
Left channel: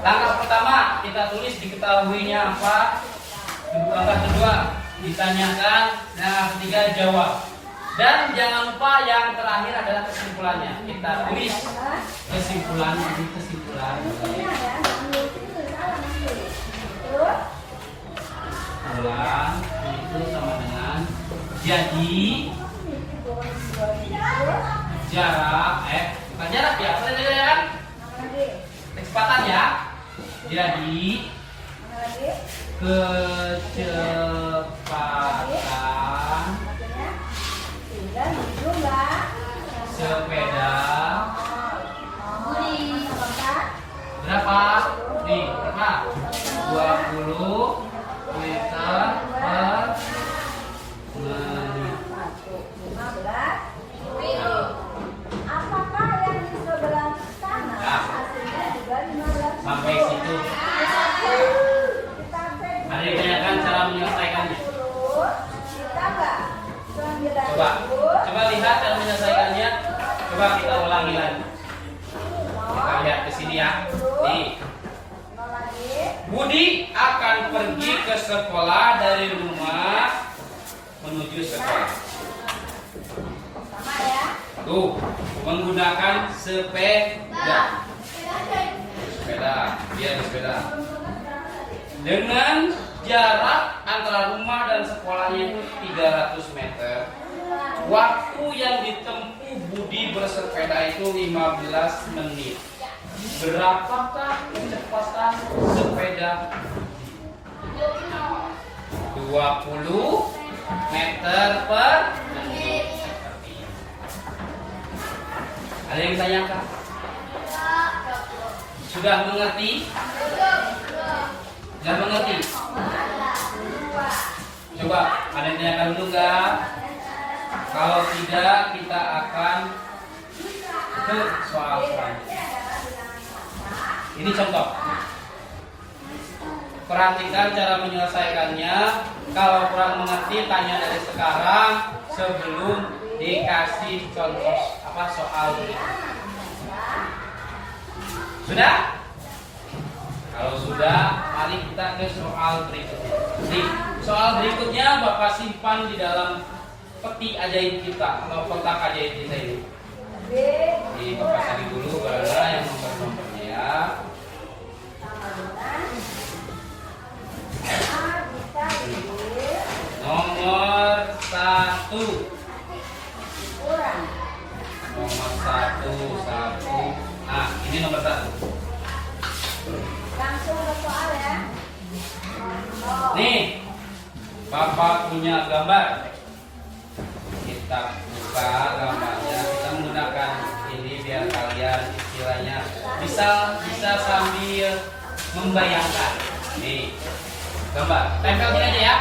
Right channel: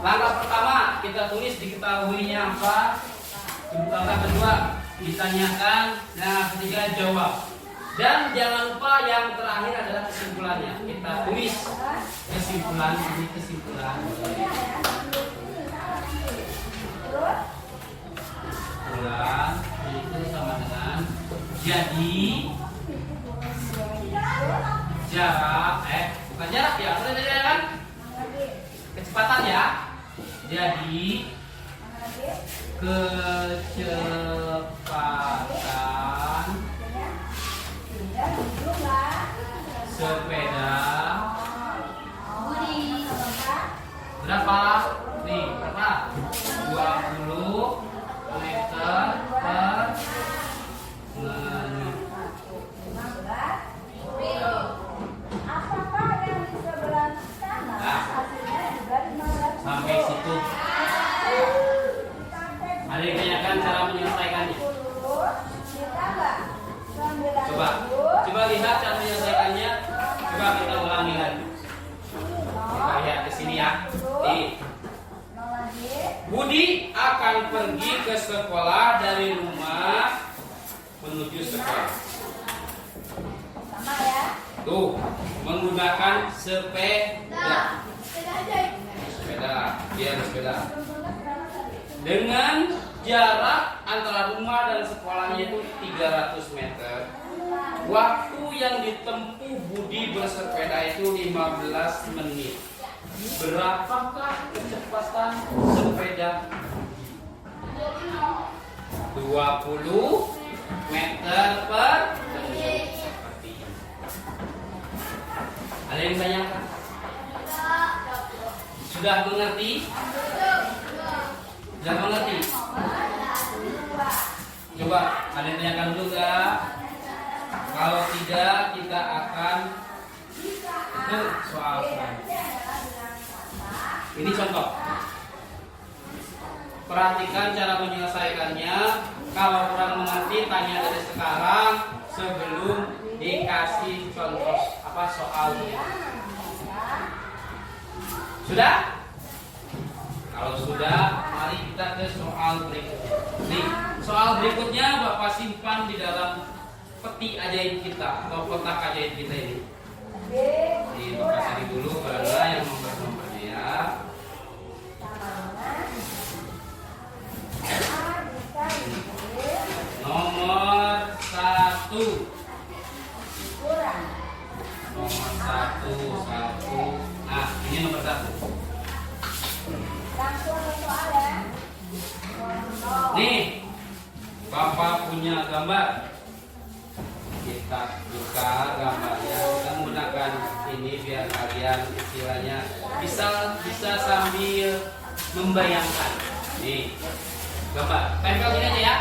langkah pertama kita tulis diketahuinya apa. Langkah kedua ditanyakan. Langkah ketiga jawab. Dan jangan lupa yang terakhir adalah kesimpulannya. Kita tulis kesimpulannya. Ini kesimpulan. Kesimpulan itu sama dengan jadi jarak bukan jarak ya, apa tadi kan? Kecepatan ya. Jadi kecepatan sepeda berapa? Nih, berapa? 20 meter per menit. Apakah yang di sebelah sana hasilnya juga 15? Sampai situ. Ada yang ditanyakan cara menyelesaikannya. Coba lihat cara menyelesaikannya. Coba kita ulangi lagi. Kita lihat ke sini ya. Nih. Budi akan pergi ke sekolah dari rumah menuju sekolah. Tuh, menggunakan sepeda. Dia ada sepeda. Dengan jarak antara rumah dan sekolahnya itu 300 meter. Waktu yang ditempuh Budi bersepeda itu 15 menit. Berapakah kecepatan sepeda? 20 meter per menit. Seperti ini. Ada yang tanyakan? Sudah mengerti? Sudah mengerti? Coba ada yang tanyakan dulu enggak? Kalau tidak, kita akan ke soal selanjutnya. Ini contoh. Perhatikan cara menyelesaikannya. Kalau kurang mengerti, tanya dari sekarang sebelum dikasih contoh soal berikut. Sudah? Kalau sudah, mari kita ke soal berikutnya. Nih, soal berikutnya Bapak simpan di dalam peti ajaib kita atau kotak ajaib kita ini. Di Bapak cari dulu barangkali yang nomor-nomornya ya. Nomor 1. Nomor 1. Nah, ini nomor 1. Nih, Bapak punya gambar. Kita buka gambarnya. Kita menggunakan ini biar kalian istilahnya bisa sambil membayangkan. Nih, gambar. Tempel ini aja ya.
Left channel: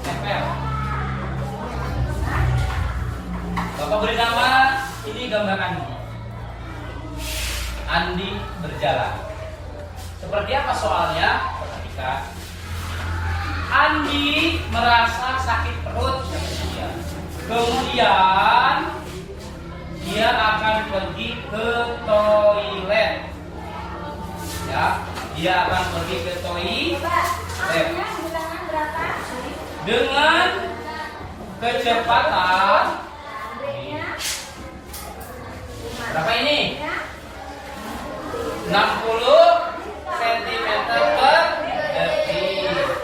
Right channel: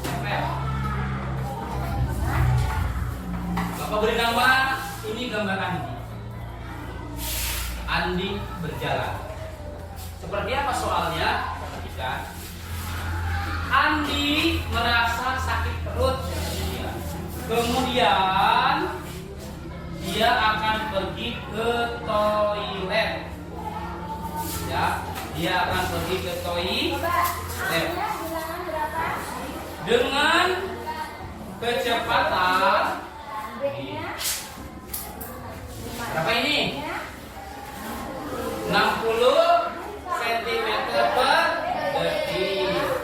Tempel. Bapak beri nama ini gambar Andi. Andi berjalan. Seperti apa soalnya? Perhatikan. Andi merasa sakit perut yang kedua. Kemudian dia akan pergi ke toilet. Ya, dia akan pergi ke toilet dengan kecepatan berapa ini? 60 cm per detik.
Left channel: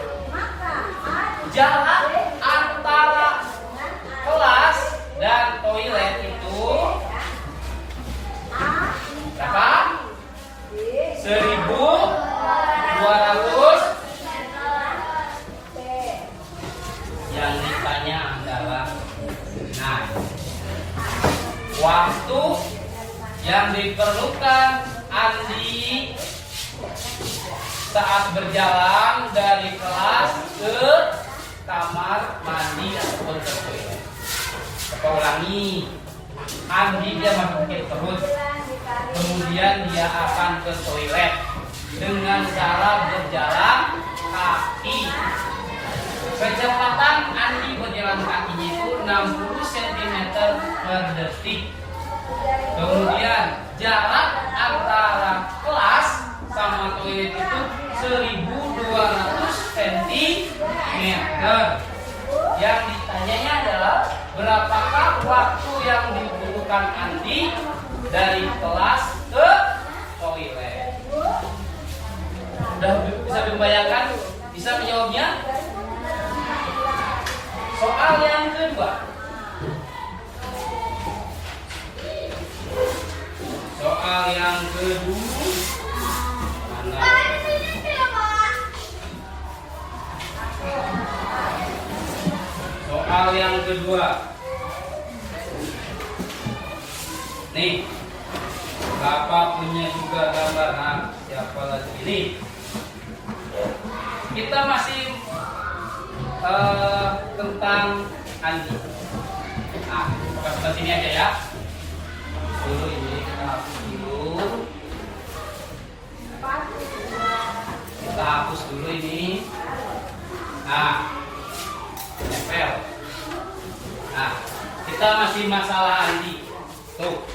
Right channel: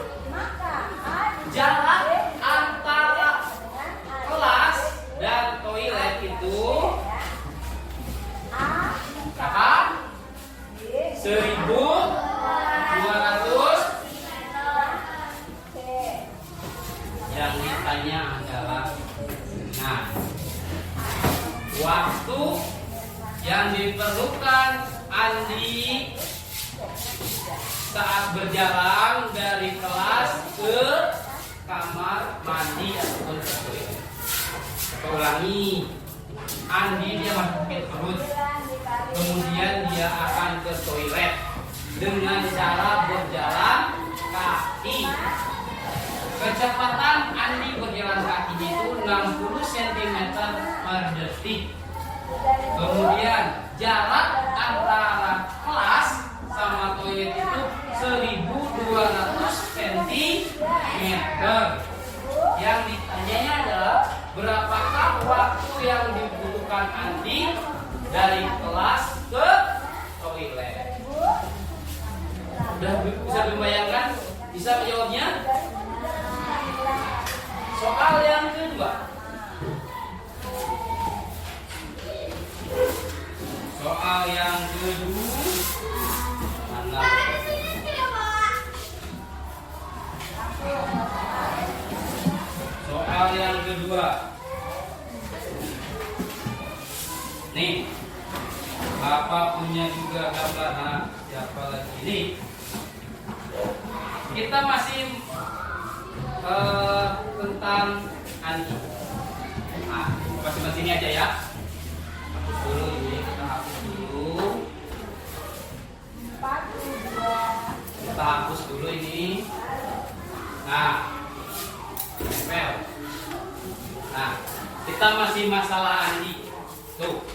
Jarak antara kelas dan toilet itu berapa? 1.200. Yang ditanya adalah, nah, waktu yang diperlukan Andi saat berjalan dari kelas ke kamar mandi ataupun ke toilet. Kita ulangi. Andi dia masuk ke perut, kemudian dia akan ke toilet dengan cara berjalan kaki. Kecepatan Andi berjalan kakinya itu 60 cm per detik. Kemudian jarak antara kelas sama toilet itu 1.200 cm. Yang ditanyanya adalah berapakah waktu yang dibutuhkan Andi dari kelas ke toilet. Udah bisa dibayangkan? Bisa menjawabnya? Soal yang kedua. Soal yang kedua. Mana? Soal yang kedua. Nih, Bapak punya juga gambar. Nah, siapa lagi ini? Kita masih tentang Andi. Nah, Bapak sini aja ya. Dulu ini kita hapus dulu. Kita hapus dulu ini. Nah, tempel. Nah, kita masih masalah Andi. Tuh,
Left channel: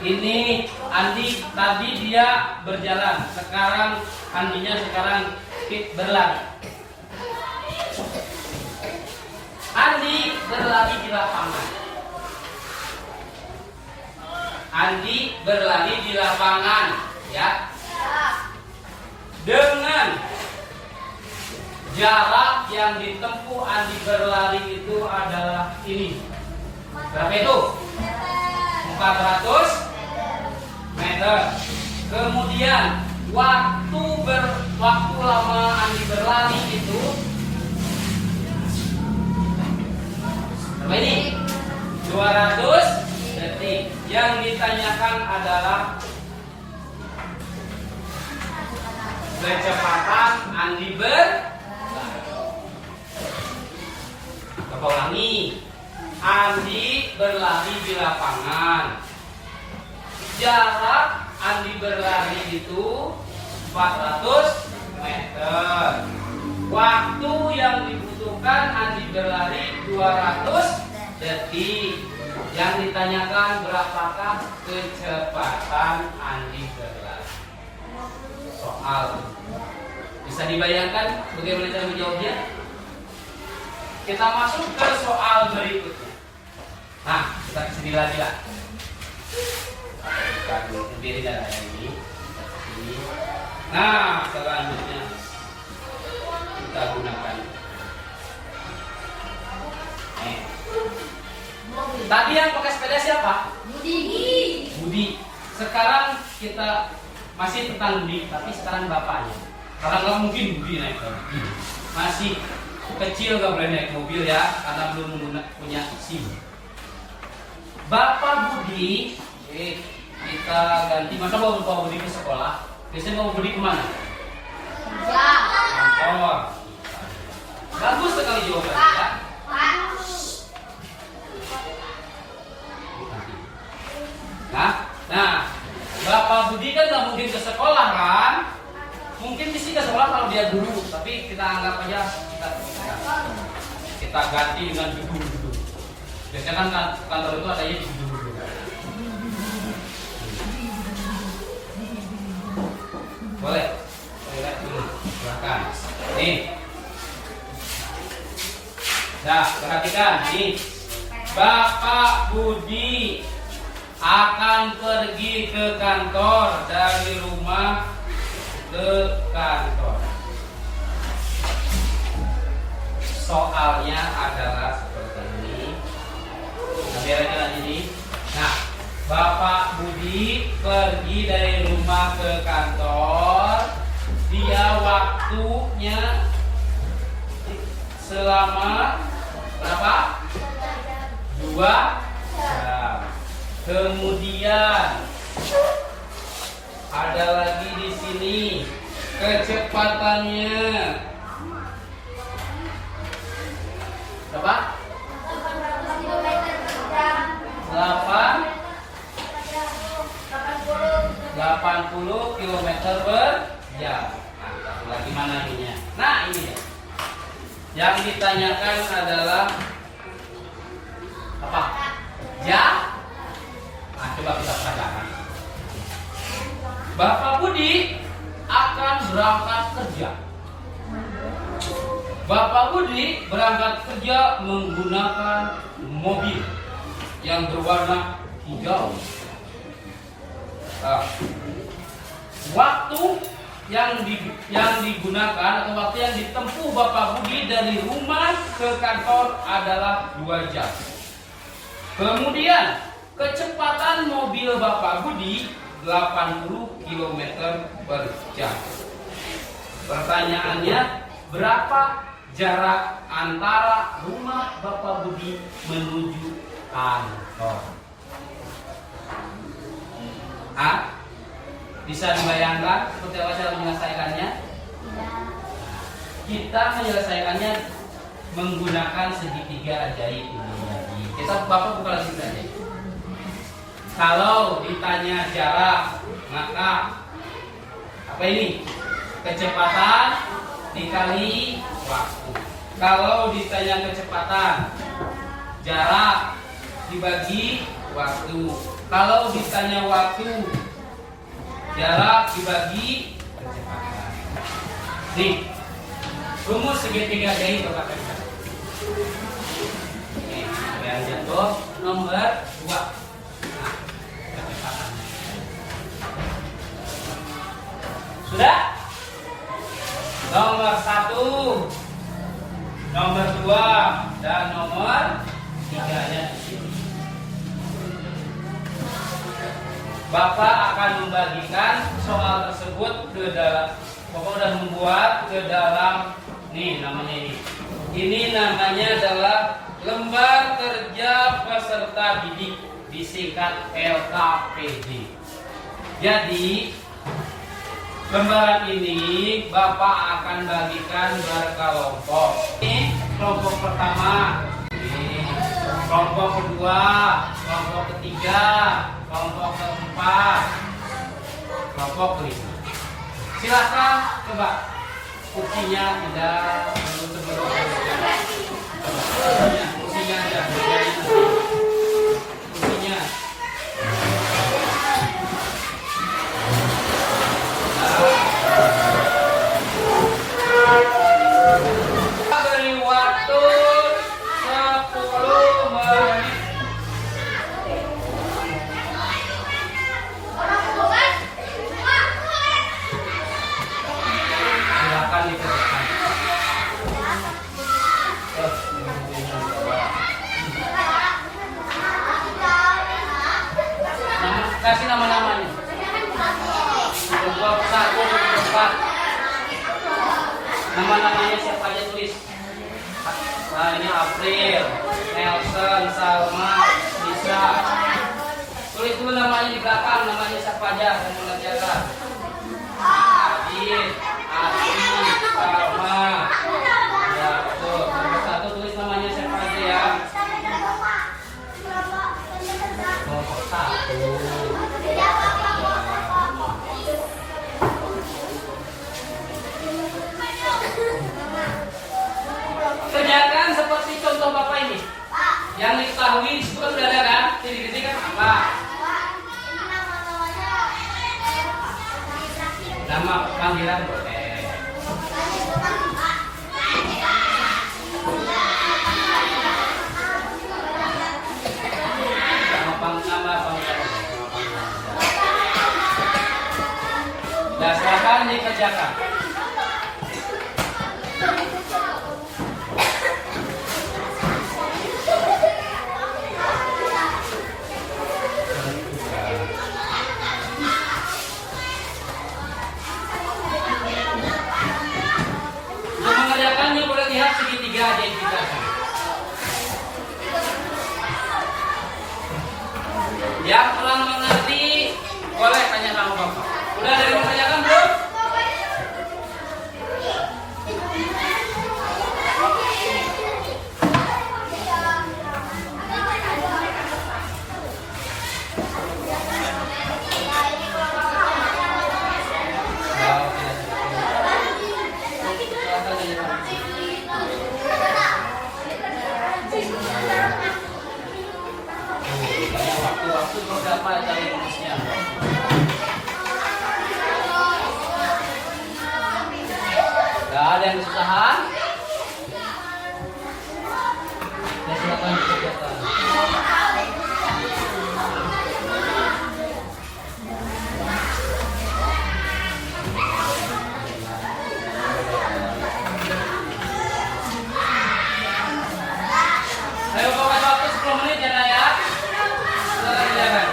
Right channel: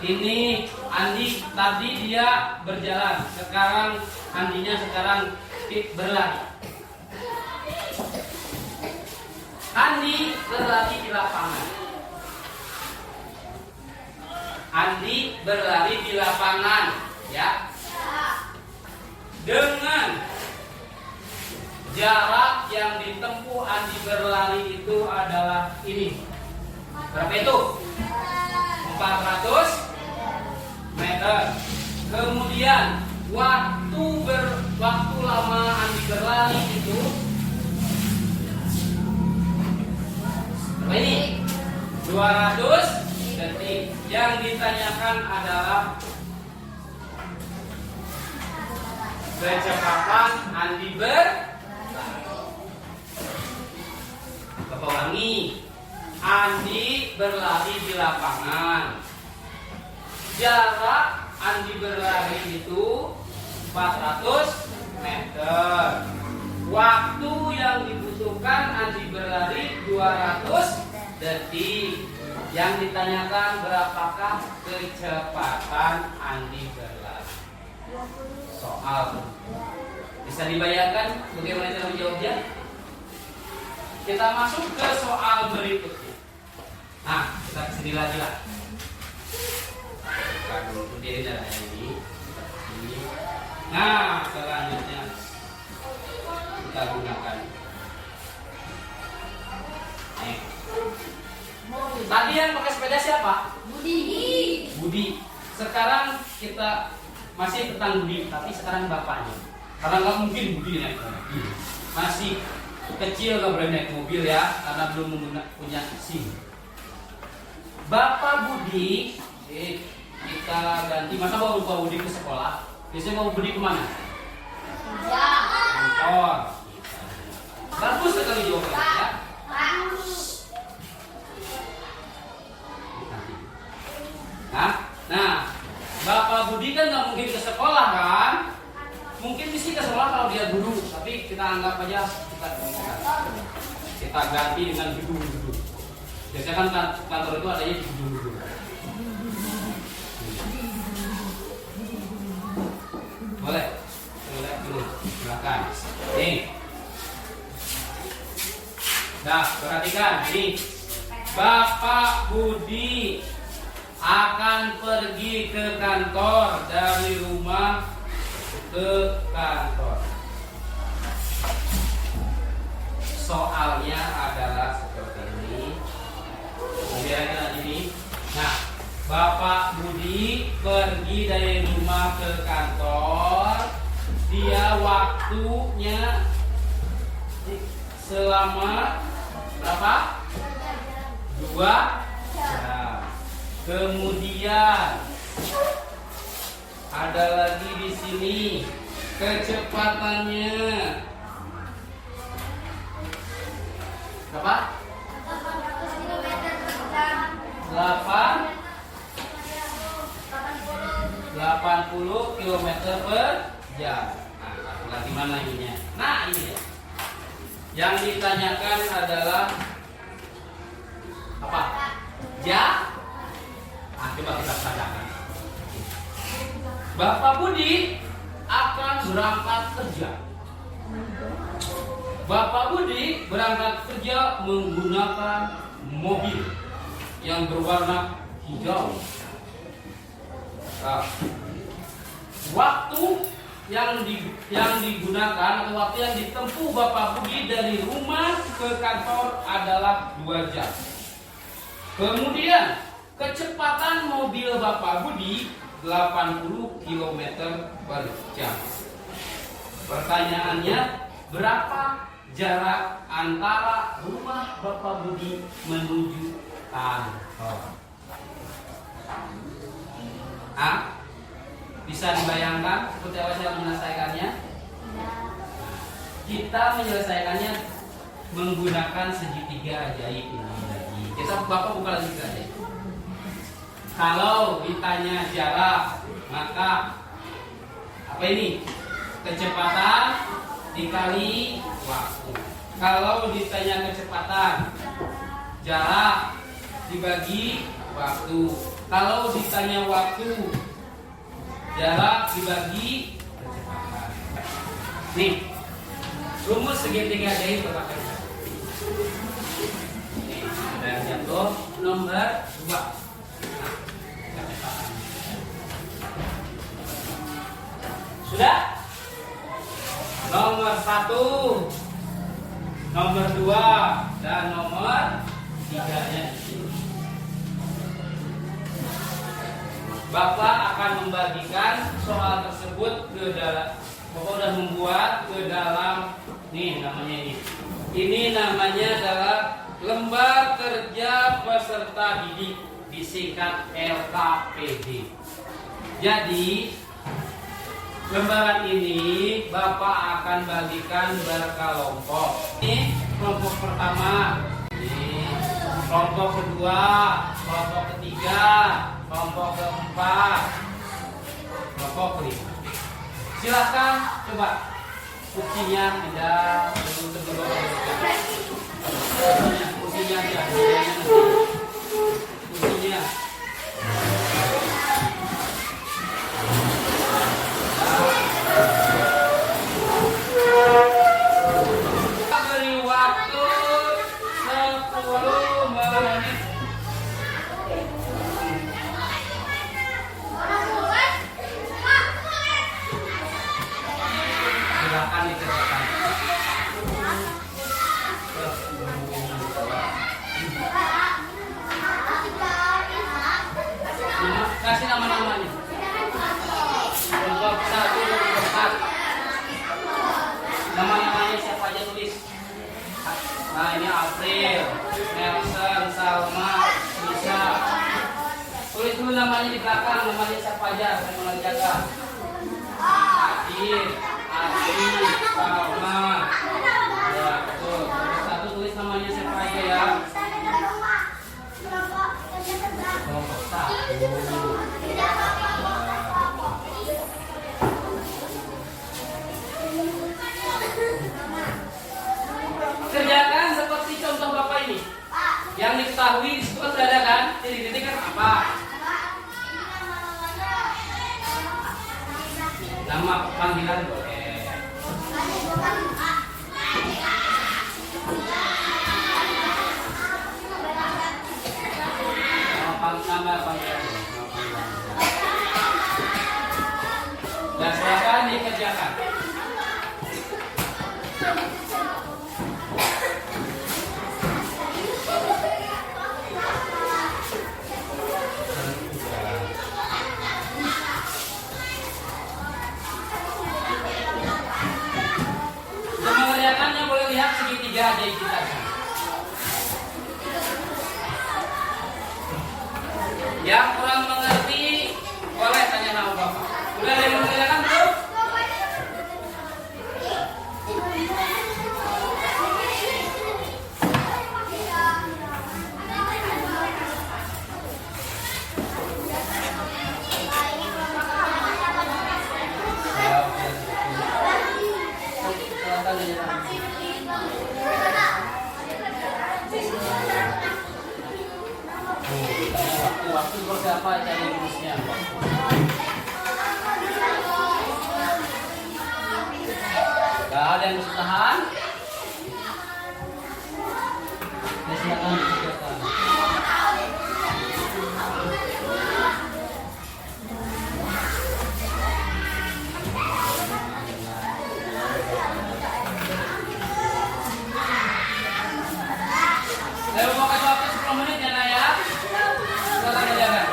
ini Andi tadi dia berjalan. Sekarang Andinya sekarang berlari. Andi berlari di lapangan. Andi berlari di lapangan, ya. Dengan jarak yang ditempuh Andi berlari itu adalah ini. Berapa itu? 400 meter. Kemudian waktu lama Andi berlari itu berapa ini? 200 detik. Yang ditanyakan adalah kecepatan Andi berlari. Coba ulangi. Andi berlari di lapangan. Jarak Andi berlari itu 400 meter. Waktu yang dibutuhkan Andi berlari 200 detik. Yang ditanyakan berapakah kecepatan Andi berlari. Soal. Bisa dibayangkan bagaimana cara menjawabnya? Kita masuk ke soal berikutnya. Nah, kita kesini lagi lah. Kita berdiri dari ini. Nah, selanjutnya kita gunakan. Tadi yang pakai sepeda siapa? Budi. Sekarang kita masih tentang Budi, tapi sekarang bapaknya. Karena nggak mungkin Budi naik. Masih kecil nggak boleh naik mobil ya, karena belum punya SIM. Bapak Budi, kita ganti. Masa bawa Bapak Budi ke sekolah? Biasanya Bapak Budi kemana? Kerja. Kantor. Bagus sekali jawabannya ya. Nah, Bapak Budi kan nggak mungkin ke sekolah kan? Mungkin sih ke sekolah kalau dia guru, tapi kita anggap aja kita ganti dengan gedung-gedung. Biasanya kan kantor itu adanya di gedung-gedung. Boleh? Boleh dulu. Silakan. Nih. Nah, perhatikan nih. Bapak Budi akan pergi ke kantor dari rumah ke kantor. Soalnya adalah seperti ini. Biar aja ini. Nah, Bapak Budi pergi dari rumah ke kantor. Dia waktunya selama berapa? 2 jam. Kemudian ada lagi di sini kecepatannya berapa? 80 km per jam. Nah, lagi mana ininya? Nah, ini ya. Yang ditanyakan adalah apa? Jam. Nah, coba kita tanyakan. Bapak Budi akan berangkat kerja. Bapak Budi berangkat kerja menggunakan mobil yang berwarna hijau. Waktu yang digunakan atau waktu yang ditempuh Bapak Budi dari rumah ke kantor adalah 2 jam. Kemudian kecepatan mobil Bapak Budi 80 km per jam. Pertanyaannya, berapa jarak antara rumah Bapak Budi menuju kantor? Bisa dibayangkan seperti apa cara menyelesaikannya? Kita menyelesaikannya menggunakan segitiga ajaib ini. Kita Bapak buka lagi saja. Kalau ditanya jarak, maka apa ini? Kecepatan dikali waktu. Kalau ditanya kecepatan, jarak dibagi waktu. Kalau ditanya waktu, jarak dibagi kecepatan. Nih, rumus segitiga ajaib Bapak kita. Nih, ada yang jatuh nomor 2. Nah, kecepatan. Sudah? Nomor 1, nomor 2, dan nomor 3-nya di sini. Bapak akan membagikan soal tersebut ke dalam, Bapak sudah membuat ke dalam, nih namanya ini. Ini namanya adalah lembar kerja peserta didik, disingkat LKPD. Jadi lembaran ini Bapak akan bagikan berkelompok. Ini kelompok pertama, ini kelompok kedua, kelompok ketiga, kelompok keempat, kelompok kelima. Silakan coba kursinya pindah sebelum kursinya aja, kursinya. Beri waktu 10 menit. Silakan dikerjakan. Kasih nama-namanya. Kelompok 1, kelompok 4. Nama-namanya siapa aja tulis. Nah ini April, Nelson, Salma, Lisa. Tulis dulu namanya di belakang, namanya siapa aja yang mengerjakan. Adit, Adi, Salma. Ya betul. Satu tulis namanya siapa aja ya. Kelompok 1. Kerjakan seperti contoh Bapak ini. Yang diketahui disebut sudah ada kan? Titik-titik kan apa? Nama panggilan boleh. Nama panggilan. Dan silakan dikerjakan. Untuk mengerjakannya boleh lihat segitiga aja yang kita kan. Yang kurang mengerti boleh tanya sama Bapak. Udah ada yang mengerjakan belum? Waktu berapa cari rumusnya? Gak ada yang kesusahan? Ya silakan dikerjakan. Ayo pakai waktu 10 menit ya Nak, ya. Silakan kerjakan.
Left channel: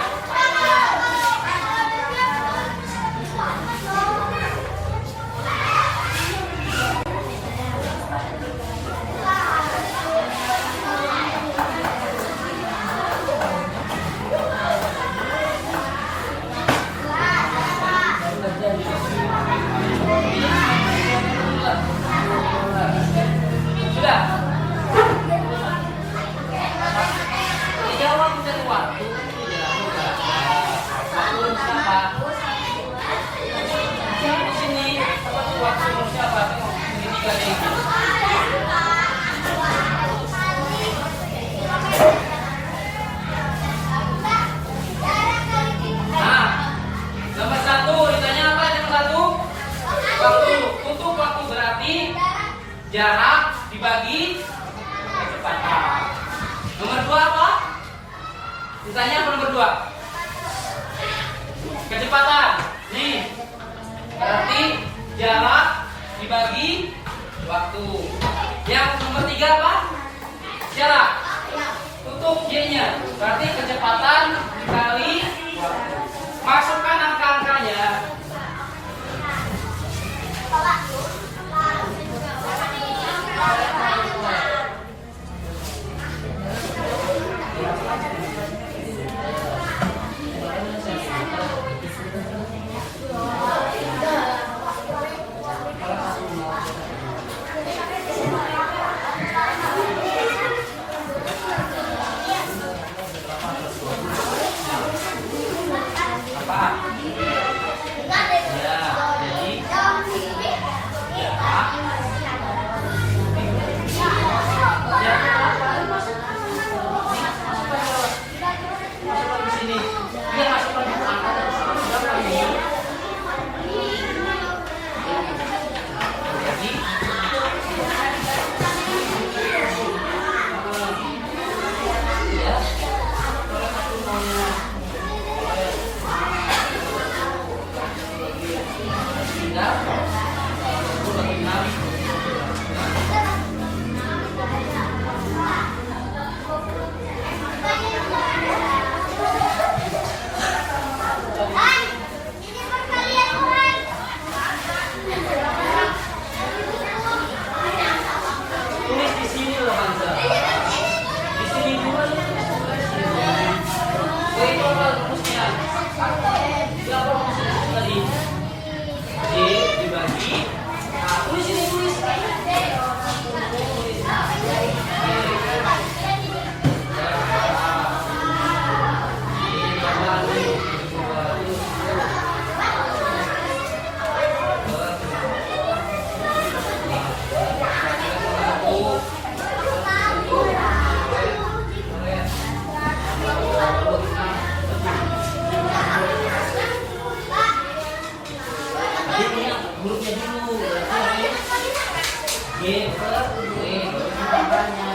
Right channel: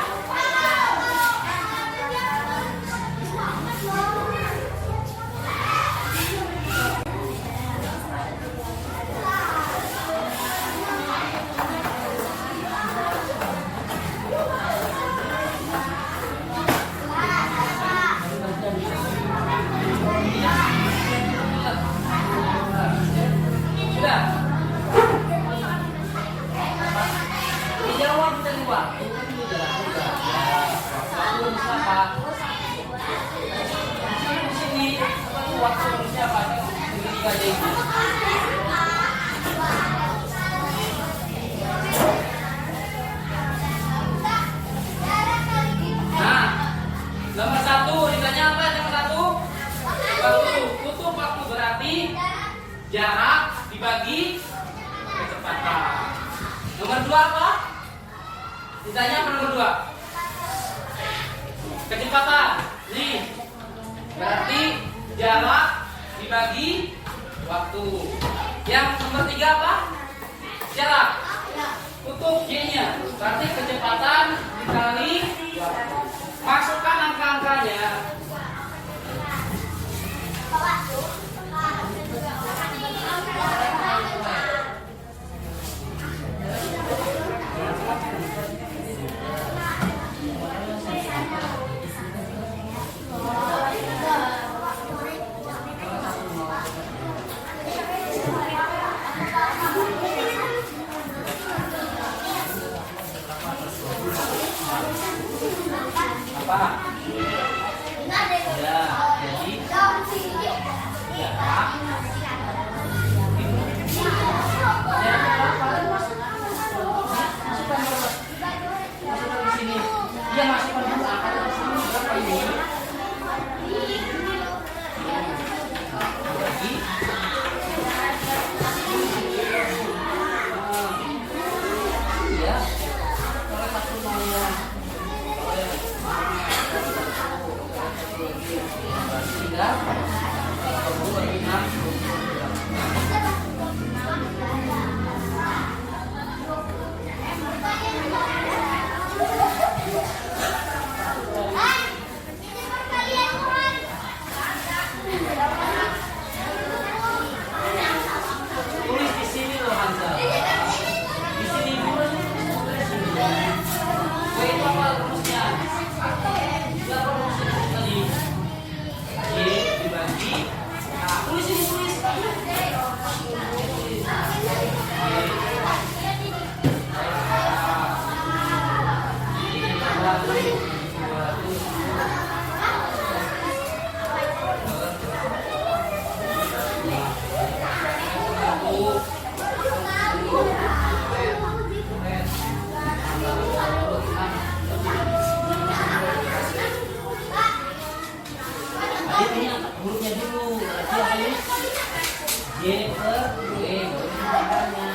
Sudah. Dijawab dari waktu. Di sini waktu siapa? Segitiga ini. Nah, nomor 1 ditanya apa? Nomor 1 waktu. Untuk waktu berarti jarak dibagi kecepatan. Nomor 2 apa? Ditanya apa nomor 2? Kecepatan. Nih. Berarti jarak dibagi waktu. Yang nomor 3 apa? Jarak. Tutup Y-nya. Berarti kecepatan dikali waktu. Masukkan angka-angkanya. Apa? Ya, jadi masukkan di sini. Dia masukkan dulu angka di sini. Berapa ini? Jadi ya. per W baru pangkalnya.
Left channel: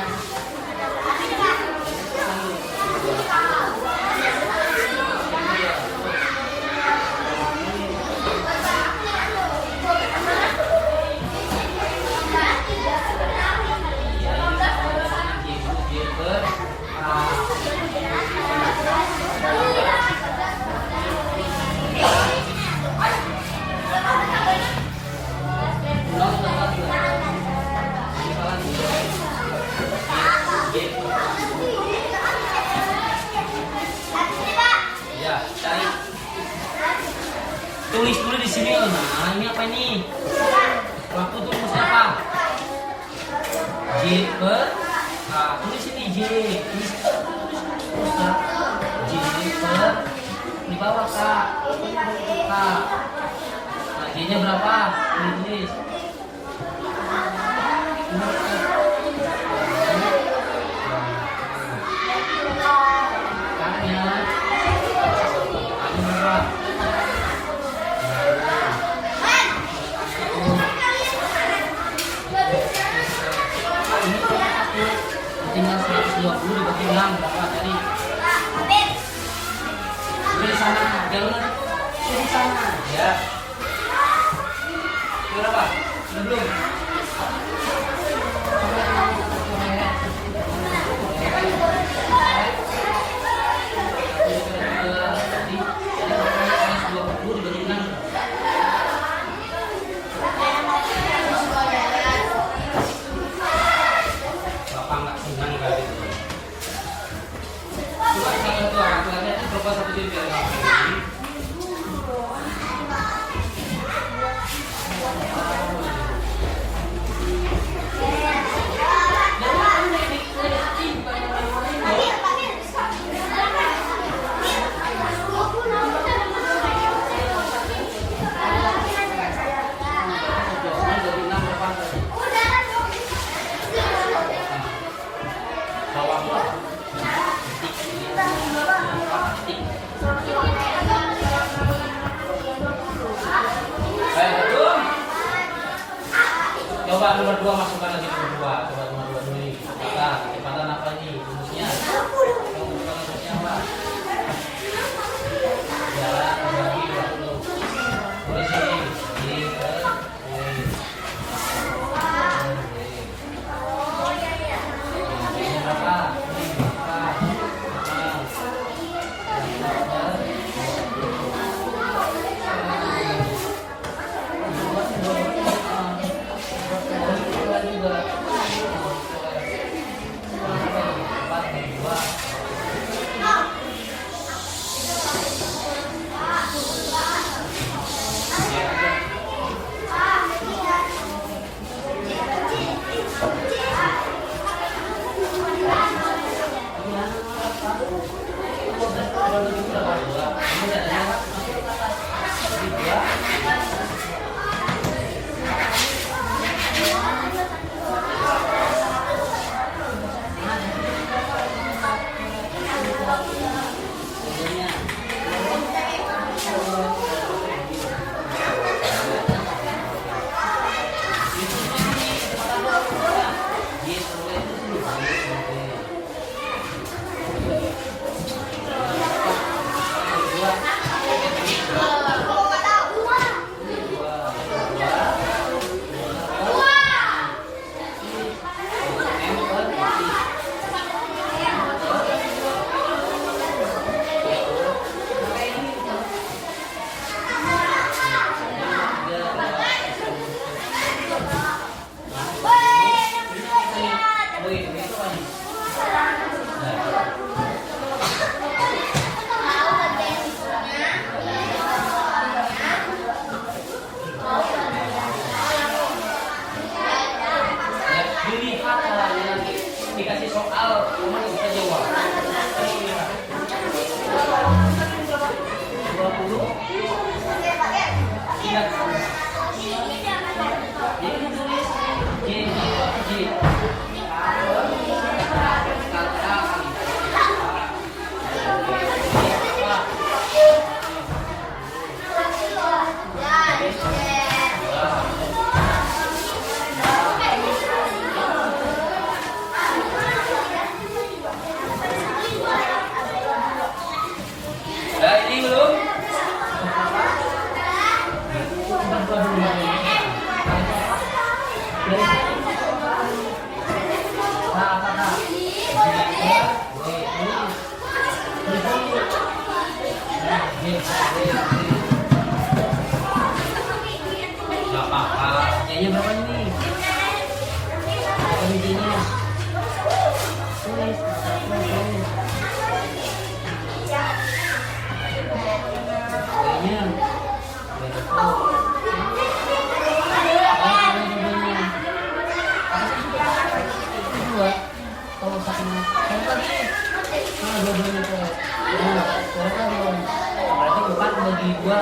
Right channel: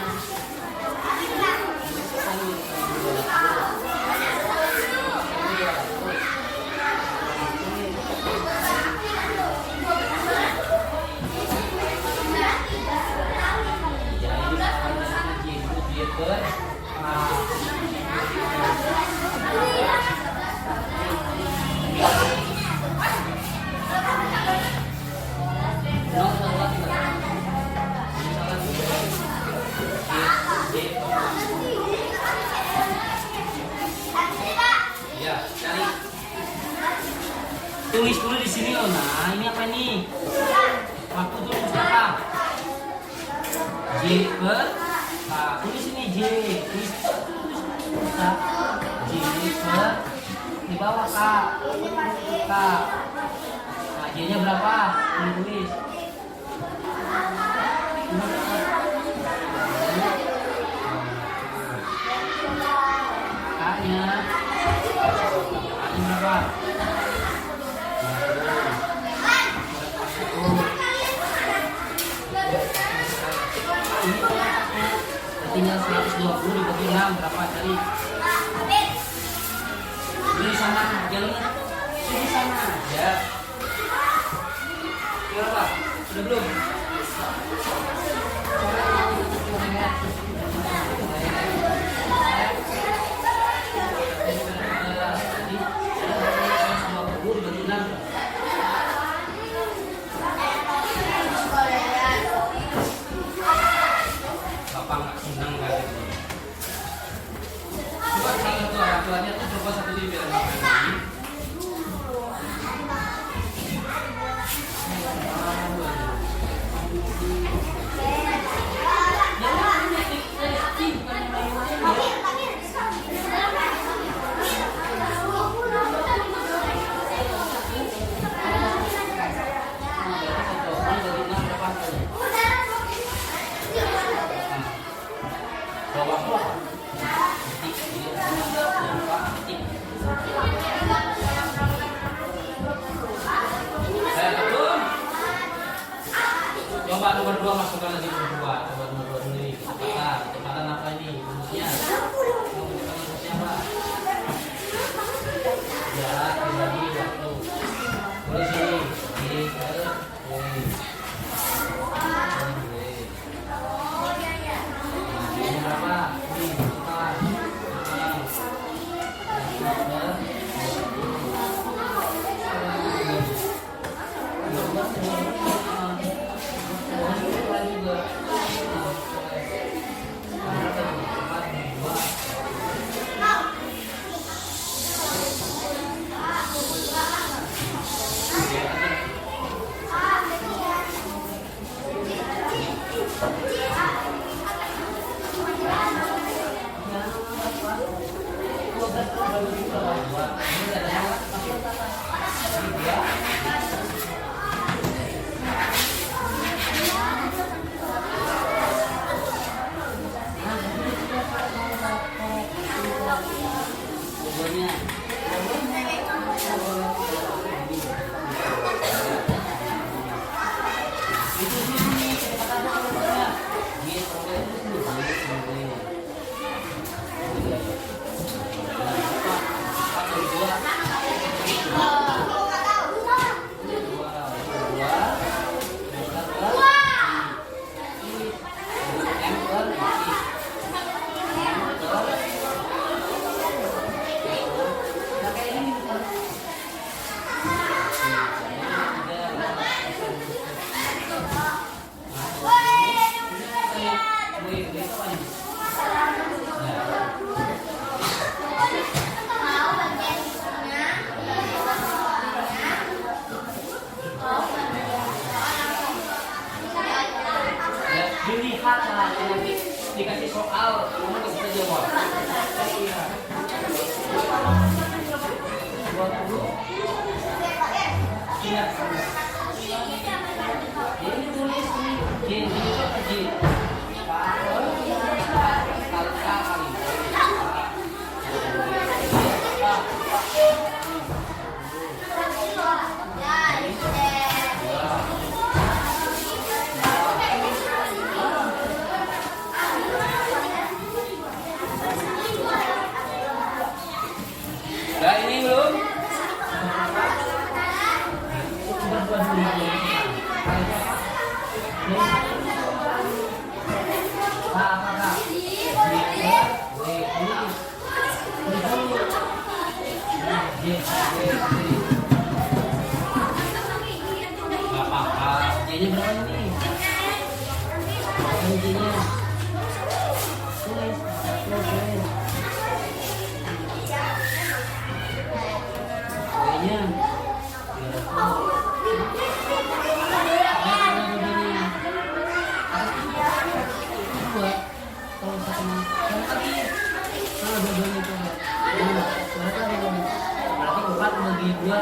Ya, cari. Tulis dulu di sini loh. Nah, ini apa ini? Waktu tulisnya apa? J per tulis ini J. Tulis Kak. J per di bawah Kak. Kak. Nah, J-nya berapa? Tulis. Kaknya. Kaknya berapa? Ini tinggal 120 dibagi 6 berapa cari? Di sana, jangan di sana ya. Berapa? Sudah belum? Coba nomor 2 masukkan lagi nomor 2. Coba nomor 2 dulu ini. Kecepatan apa ini? Rumusnya. Rumusnya apa? Jarak dibagi waktu. Tulis ini. Ini per W. Ini berapa? Ini dikasih soal, kamu nggak bisa jawab. 20. Ingat. Jadi tulis J. Gak apa-apa. Bijinya berapa nih? Berapa bijinya? Kayaknya dua. Kalau satunya lagi, dua-duanya itu. Nah, berapa dong? Berarti 4 bagi 2.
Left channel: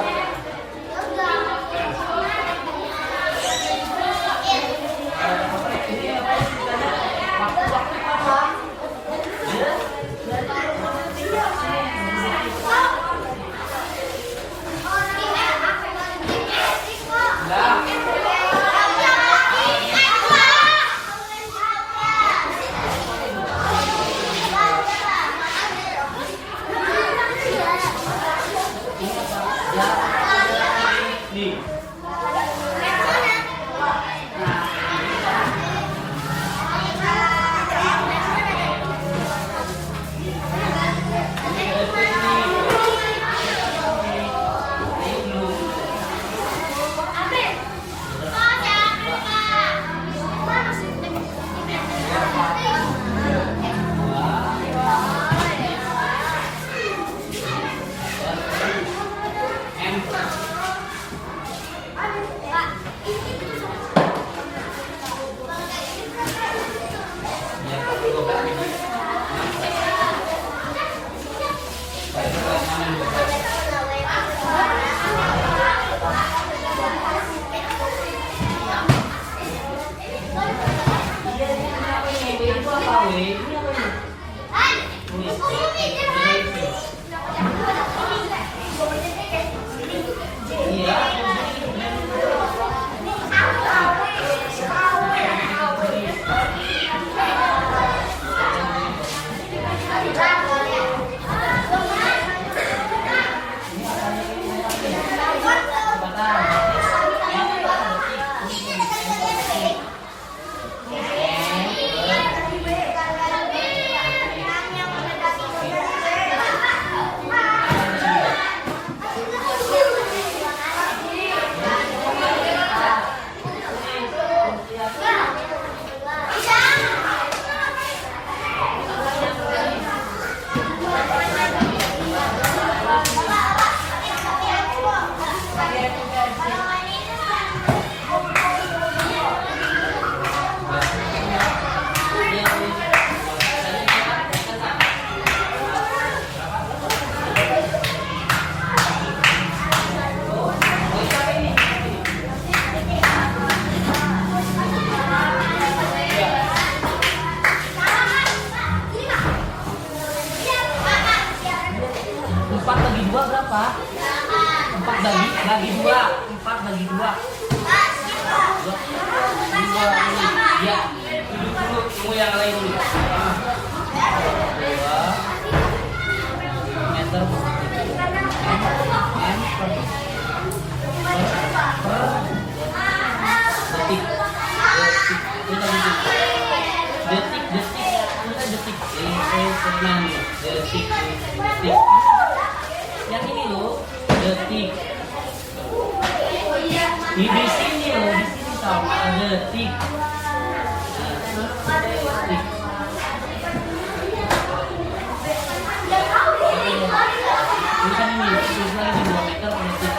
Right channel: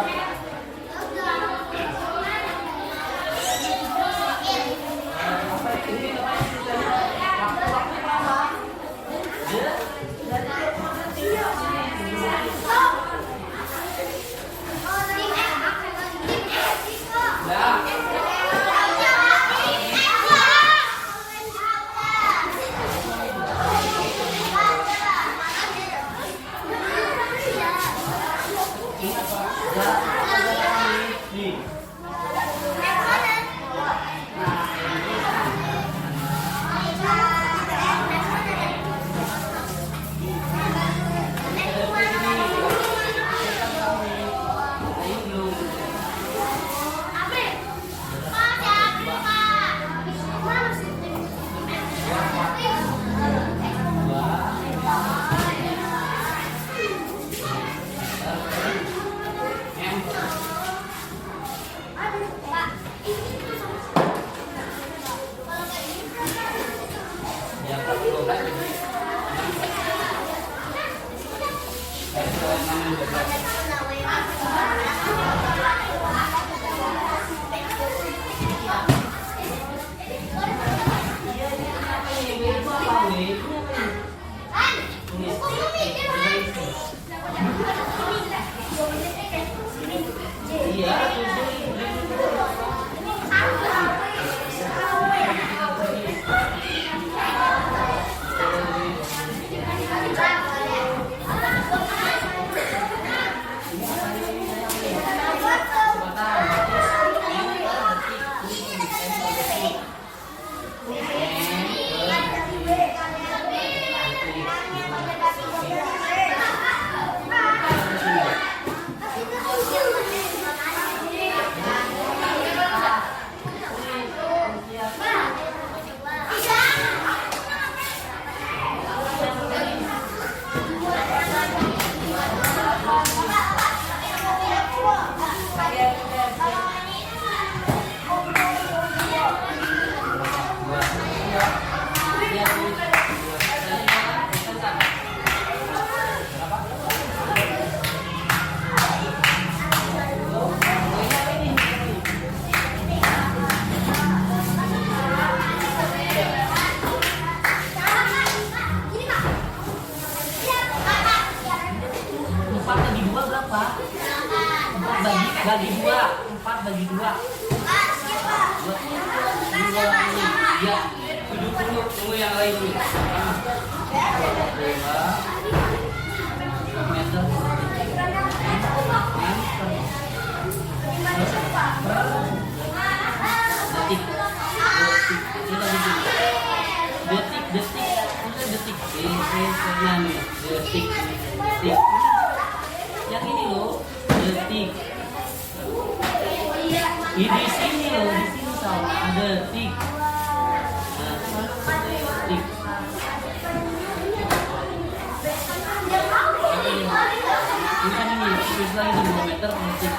Bagi 2, 4 bagi 2. Dua ini, ya. Duduk dulu, tunggu yang lain dulu. 2 meter per detik. Detik. Yang ini loh, detik. Di sini loh, di sini sama detik. Detik. Tulisan ini, tulisan ini 2 meter per detik.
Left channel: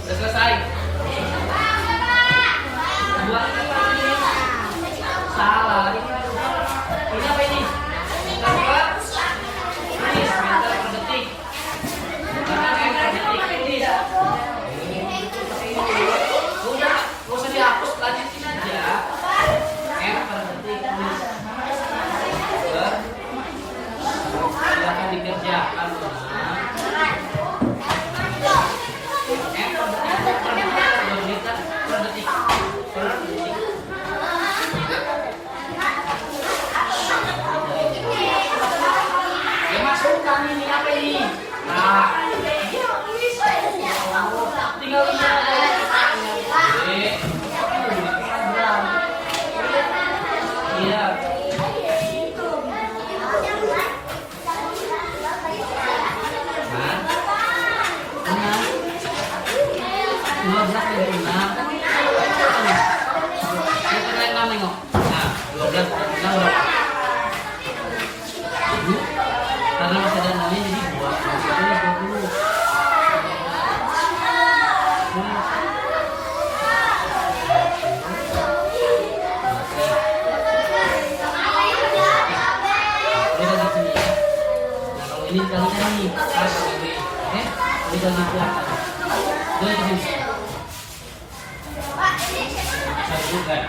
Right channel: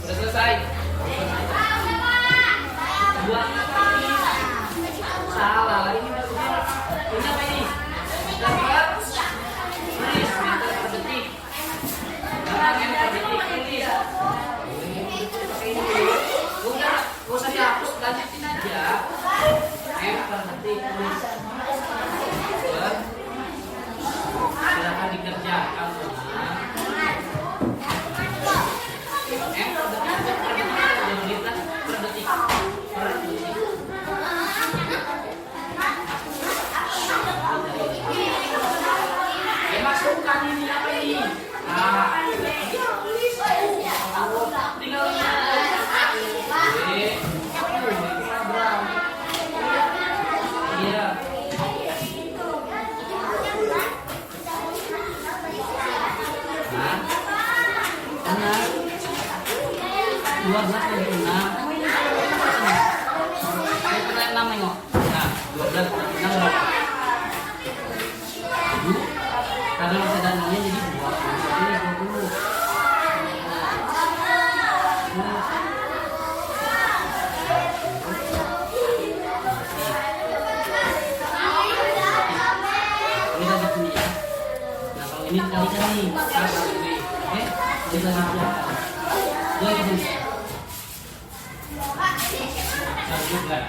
Udah selesai. 2 apa ini? Salah. Ini apa ini? Tulis meter per detik. Meter per detik tulis. Udah, gak usah dihapus, lanjutin aja. M per detik tulis. Silakan dikerjakan. M per detik per detik per detik. Ya masukkan ini apa ini? Nah, tinggal lihat. Iya. ini dikalikan nih. Oke? Dikali belakang. Jadi begini. Satu kan.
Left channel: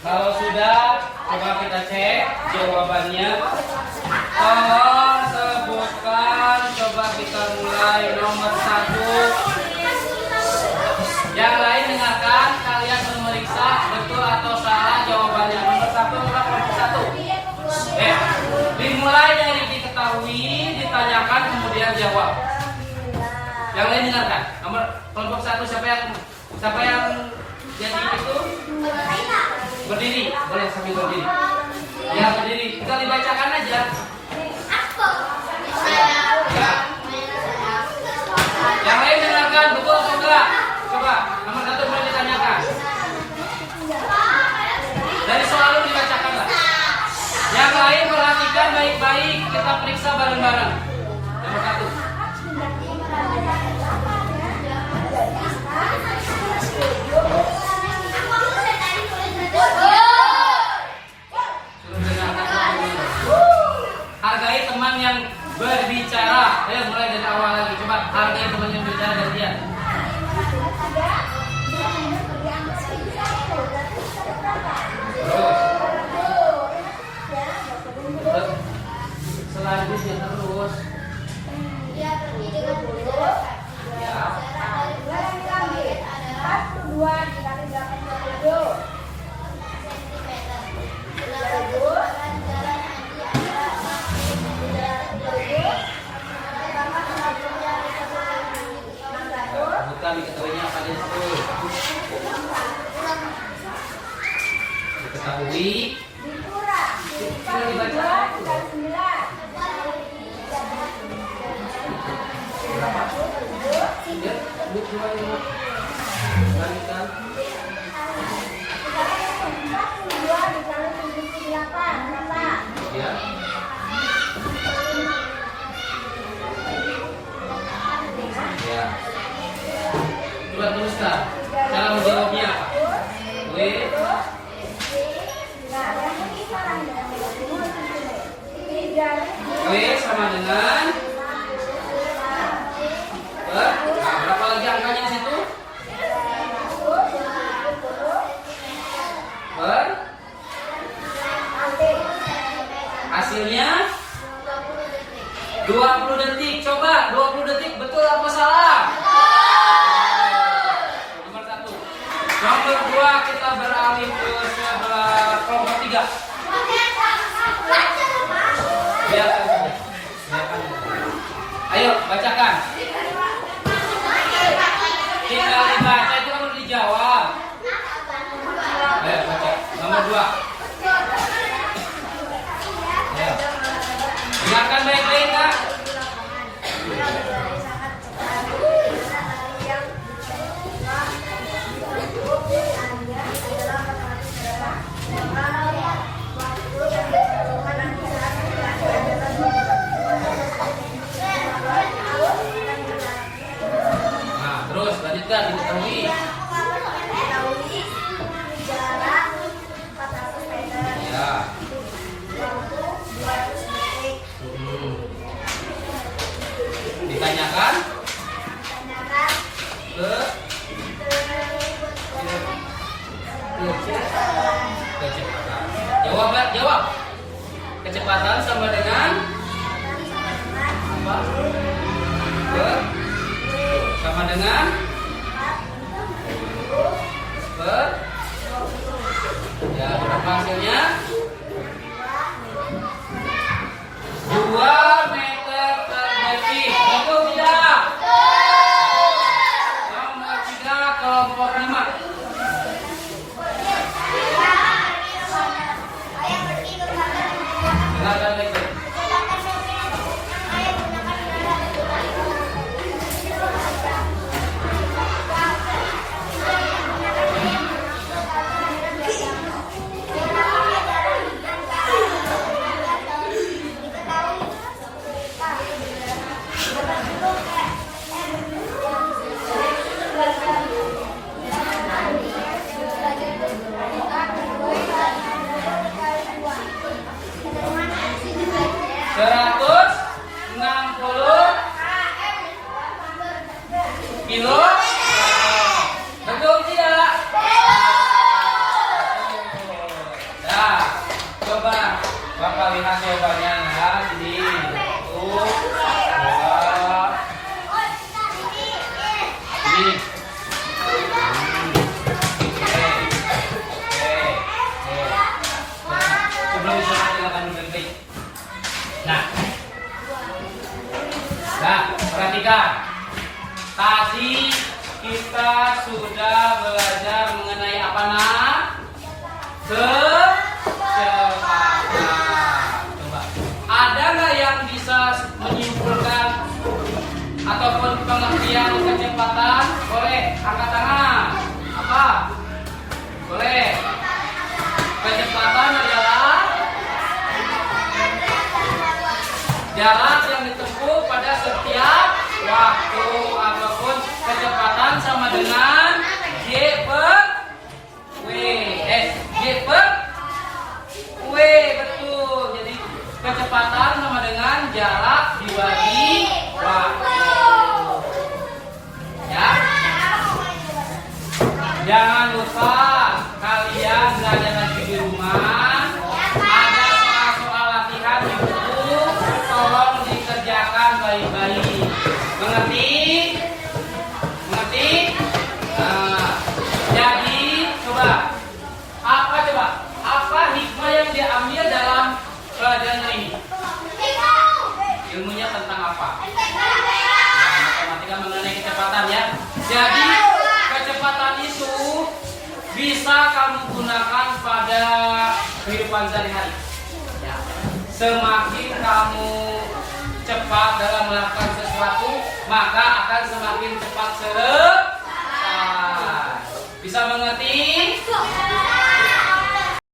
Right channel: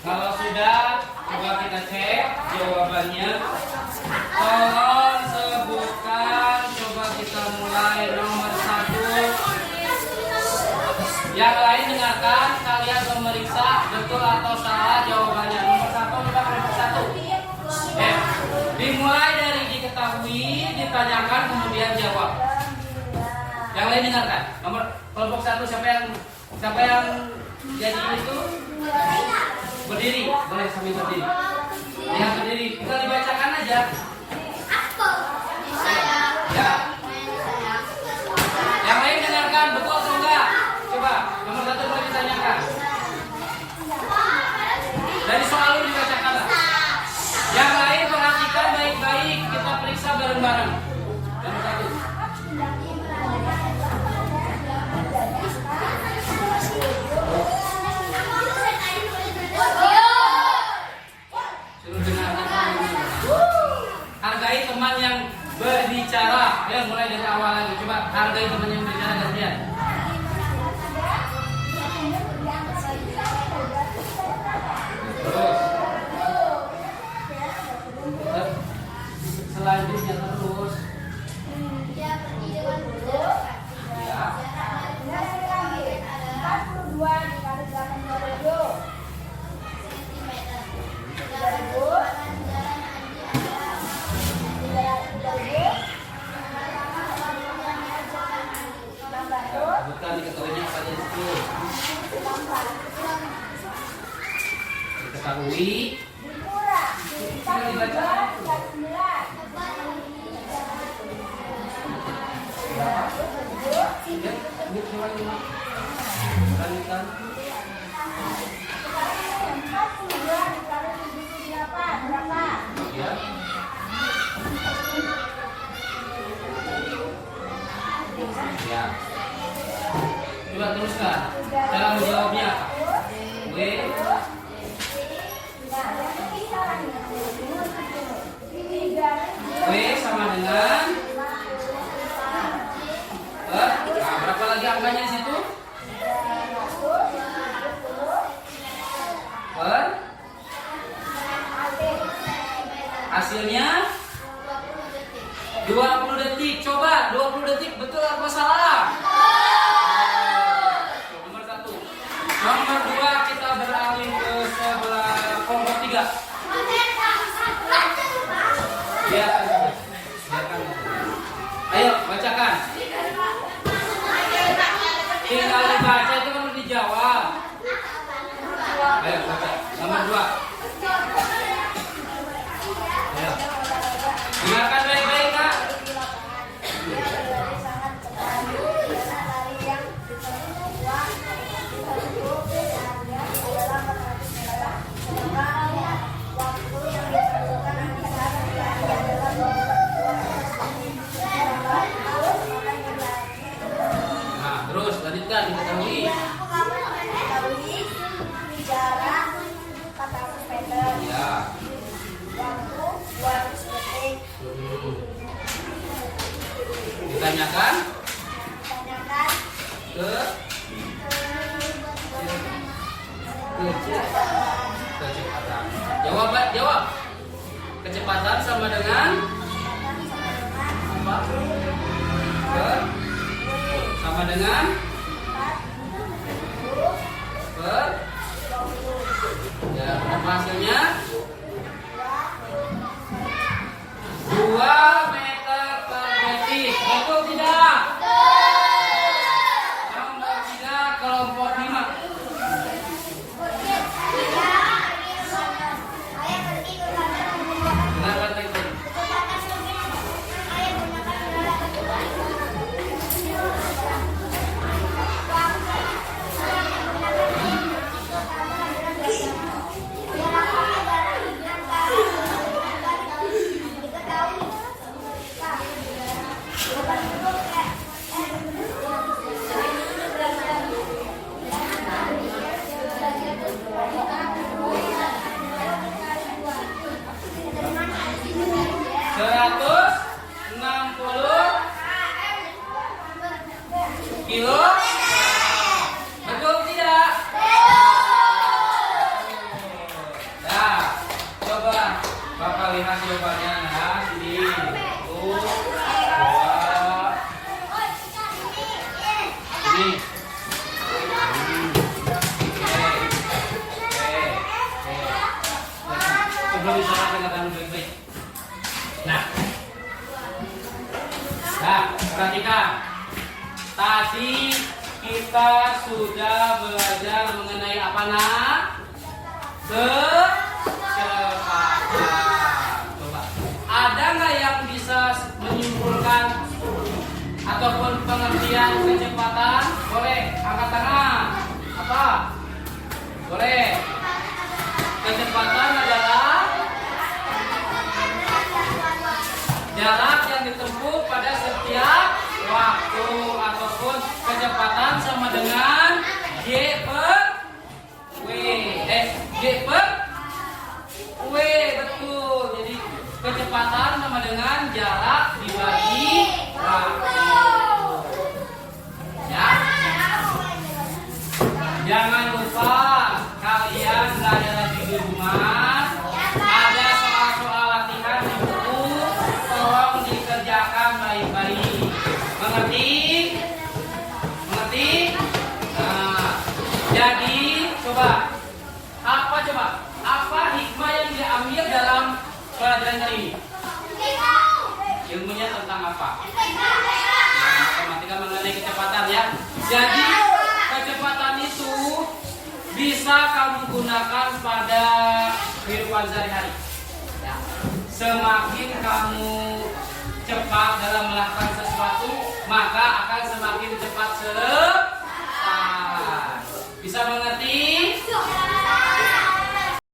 Kalau sudah, coba kita cek jawabannya. Tolong sebutkan, coba kita mulai nomor 1. Yang lain dengarkan, kalian memeriksa betul atau salah jawabannya. Nomor 1, coba kelompok 1. Dimulai dari diketahui, ditanyakan, kemudian jawab. Yang lain dengarkan. Nomor kelompok 1 siapa yang jadi itu? Berdiri, boleh sambil berdiri. Ya, berdiri. Tinggal dibacakan aja. Ya. Yang lain dengarkan, betul atau enggak? Coba, nomor 1 boleh ditanyakan. Dari soal lu dibacakan lah. Yang lain perhatikan baik-baik, kita periksa bareng-bareng. Nomor 1. Hargai teman yang berbicara. Ya, mulai dari awal lagi. Coba hargai teman yang berbicara dari dia. Terus. Selanjutnya terus. Ya. Bukan diketahuinya apa di situ. Diketahui. Ini dibaca. Ya. Coba teruskan. Cara menjawabnya apa? W sama dengan berapa lagi angkanya di situ? Hasilnya 20 detik. Coba 20 detik betul apa salah? tidak diketahui? Diketahui jarak 400 meter. Ya. Waktu 200 detik. Ditanyakan Tanyakan ke kecepatan. Jawab. Kecepatan sama dengan apa? Sama dengan ya, berapa hasilnya? 2 meter per detik. Betul tidak? Nomor 3 kelompok 5. Dengarkan baik-baik. Kilo? Betul tidak? Nah, coba Bapak lihat jawabannya ya. Sini. 1, 2. Ini. Sebelum bisa silakan baik-baik. Nah, perhatikan. Tadi kita sudah belajar mengenai apa nak? Kecepatan. Coba. Ada nggak yang bisa menyimpulkan ataupun pengertian kecepatan? Boleh, angkat tangan. Apa? Boleh. Kecepatan adalah jarak yang ditempuh pada setiap waktu ataupun kecepatan sama dengan G per W. G per W, betul. Jadi kecepatan sama dengan jarak dibagi waktu. Ya. Jangan lupa kalian belajar lagi di rumah. Ada soal-soal latihan di buku, tolong dikerjakan baik-baik. Mengerti? Mengerti? Nah, jadi coba apa hikmah yang diambil dalam pelajaran ini? Ilmunya tentang apa? Ya, matematika mengenai kecepatan ya. Jadi kecepatan itu bisa kamu gunakan pada kehidupan sehari-hari. Ya. Semakin kamu cepat dalam melakukan sesuatu, maka akan semakin cepat selesai. Bisa mengerti?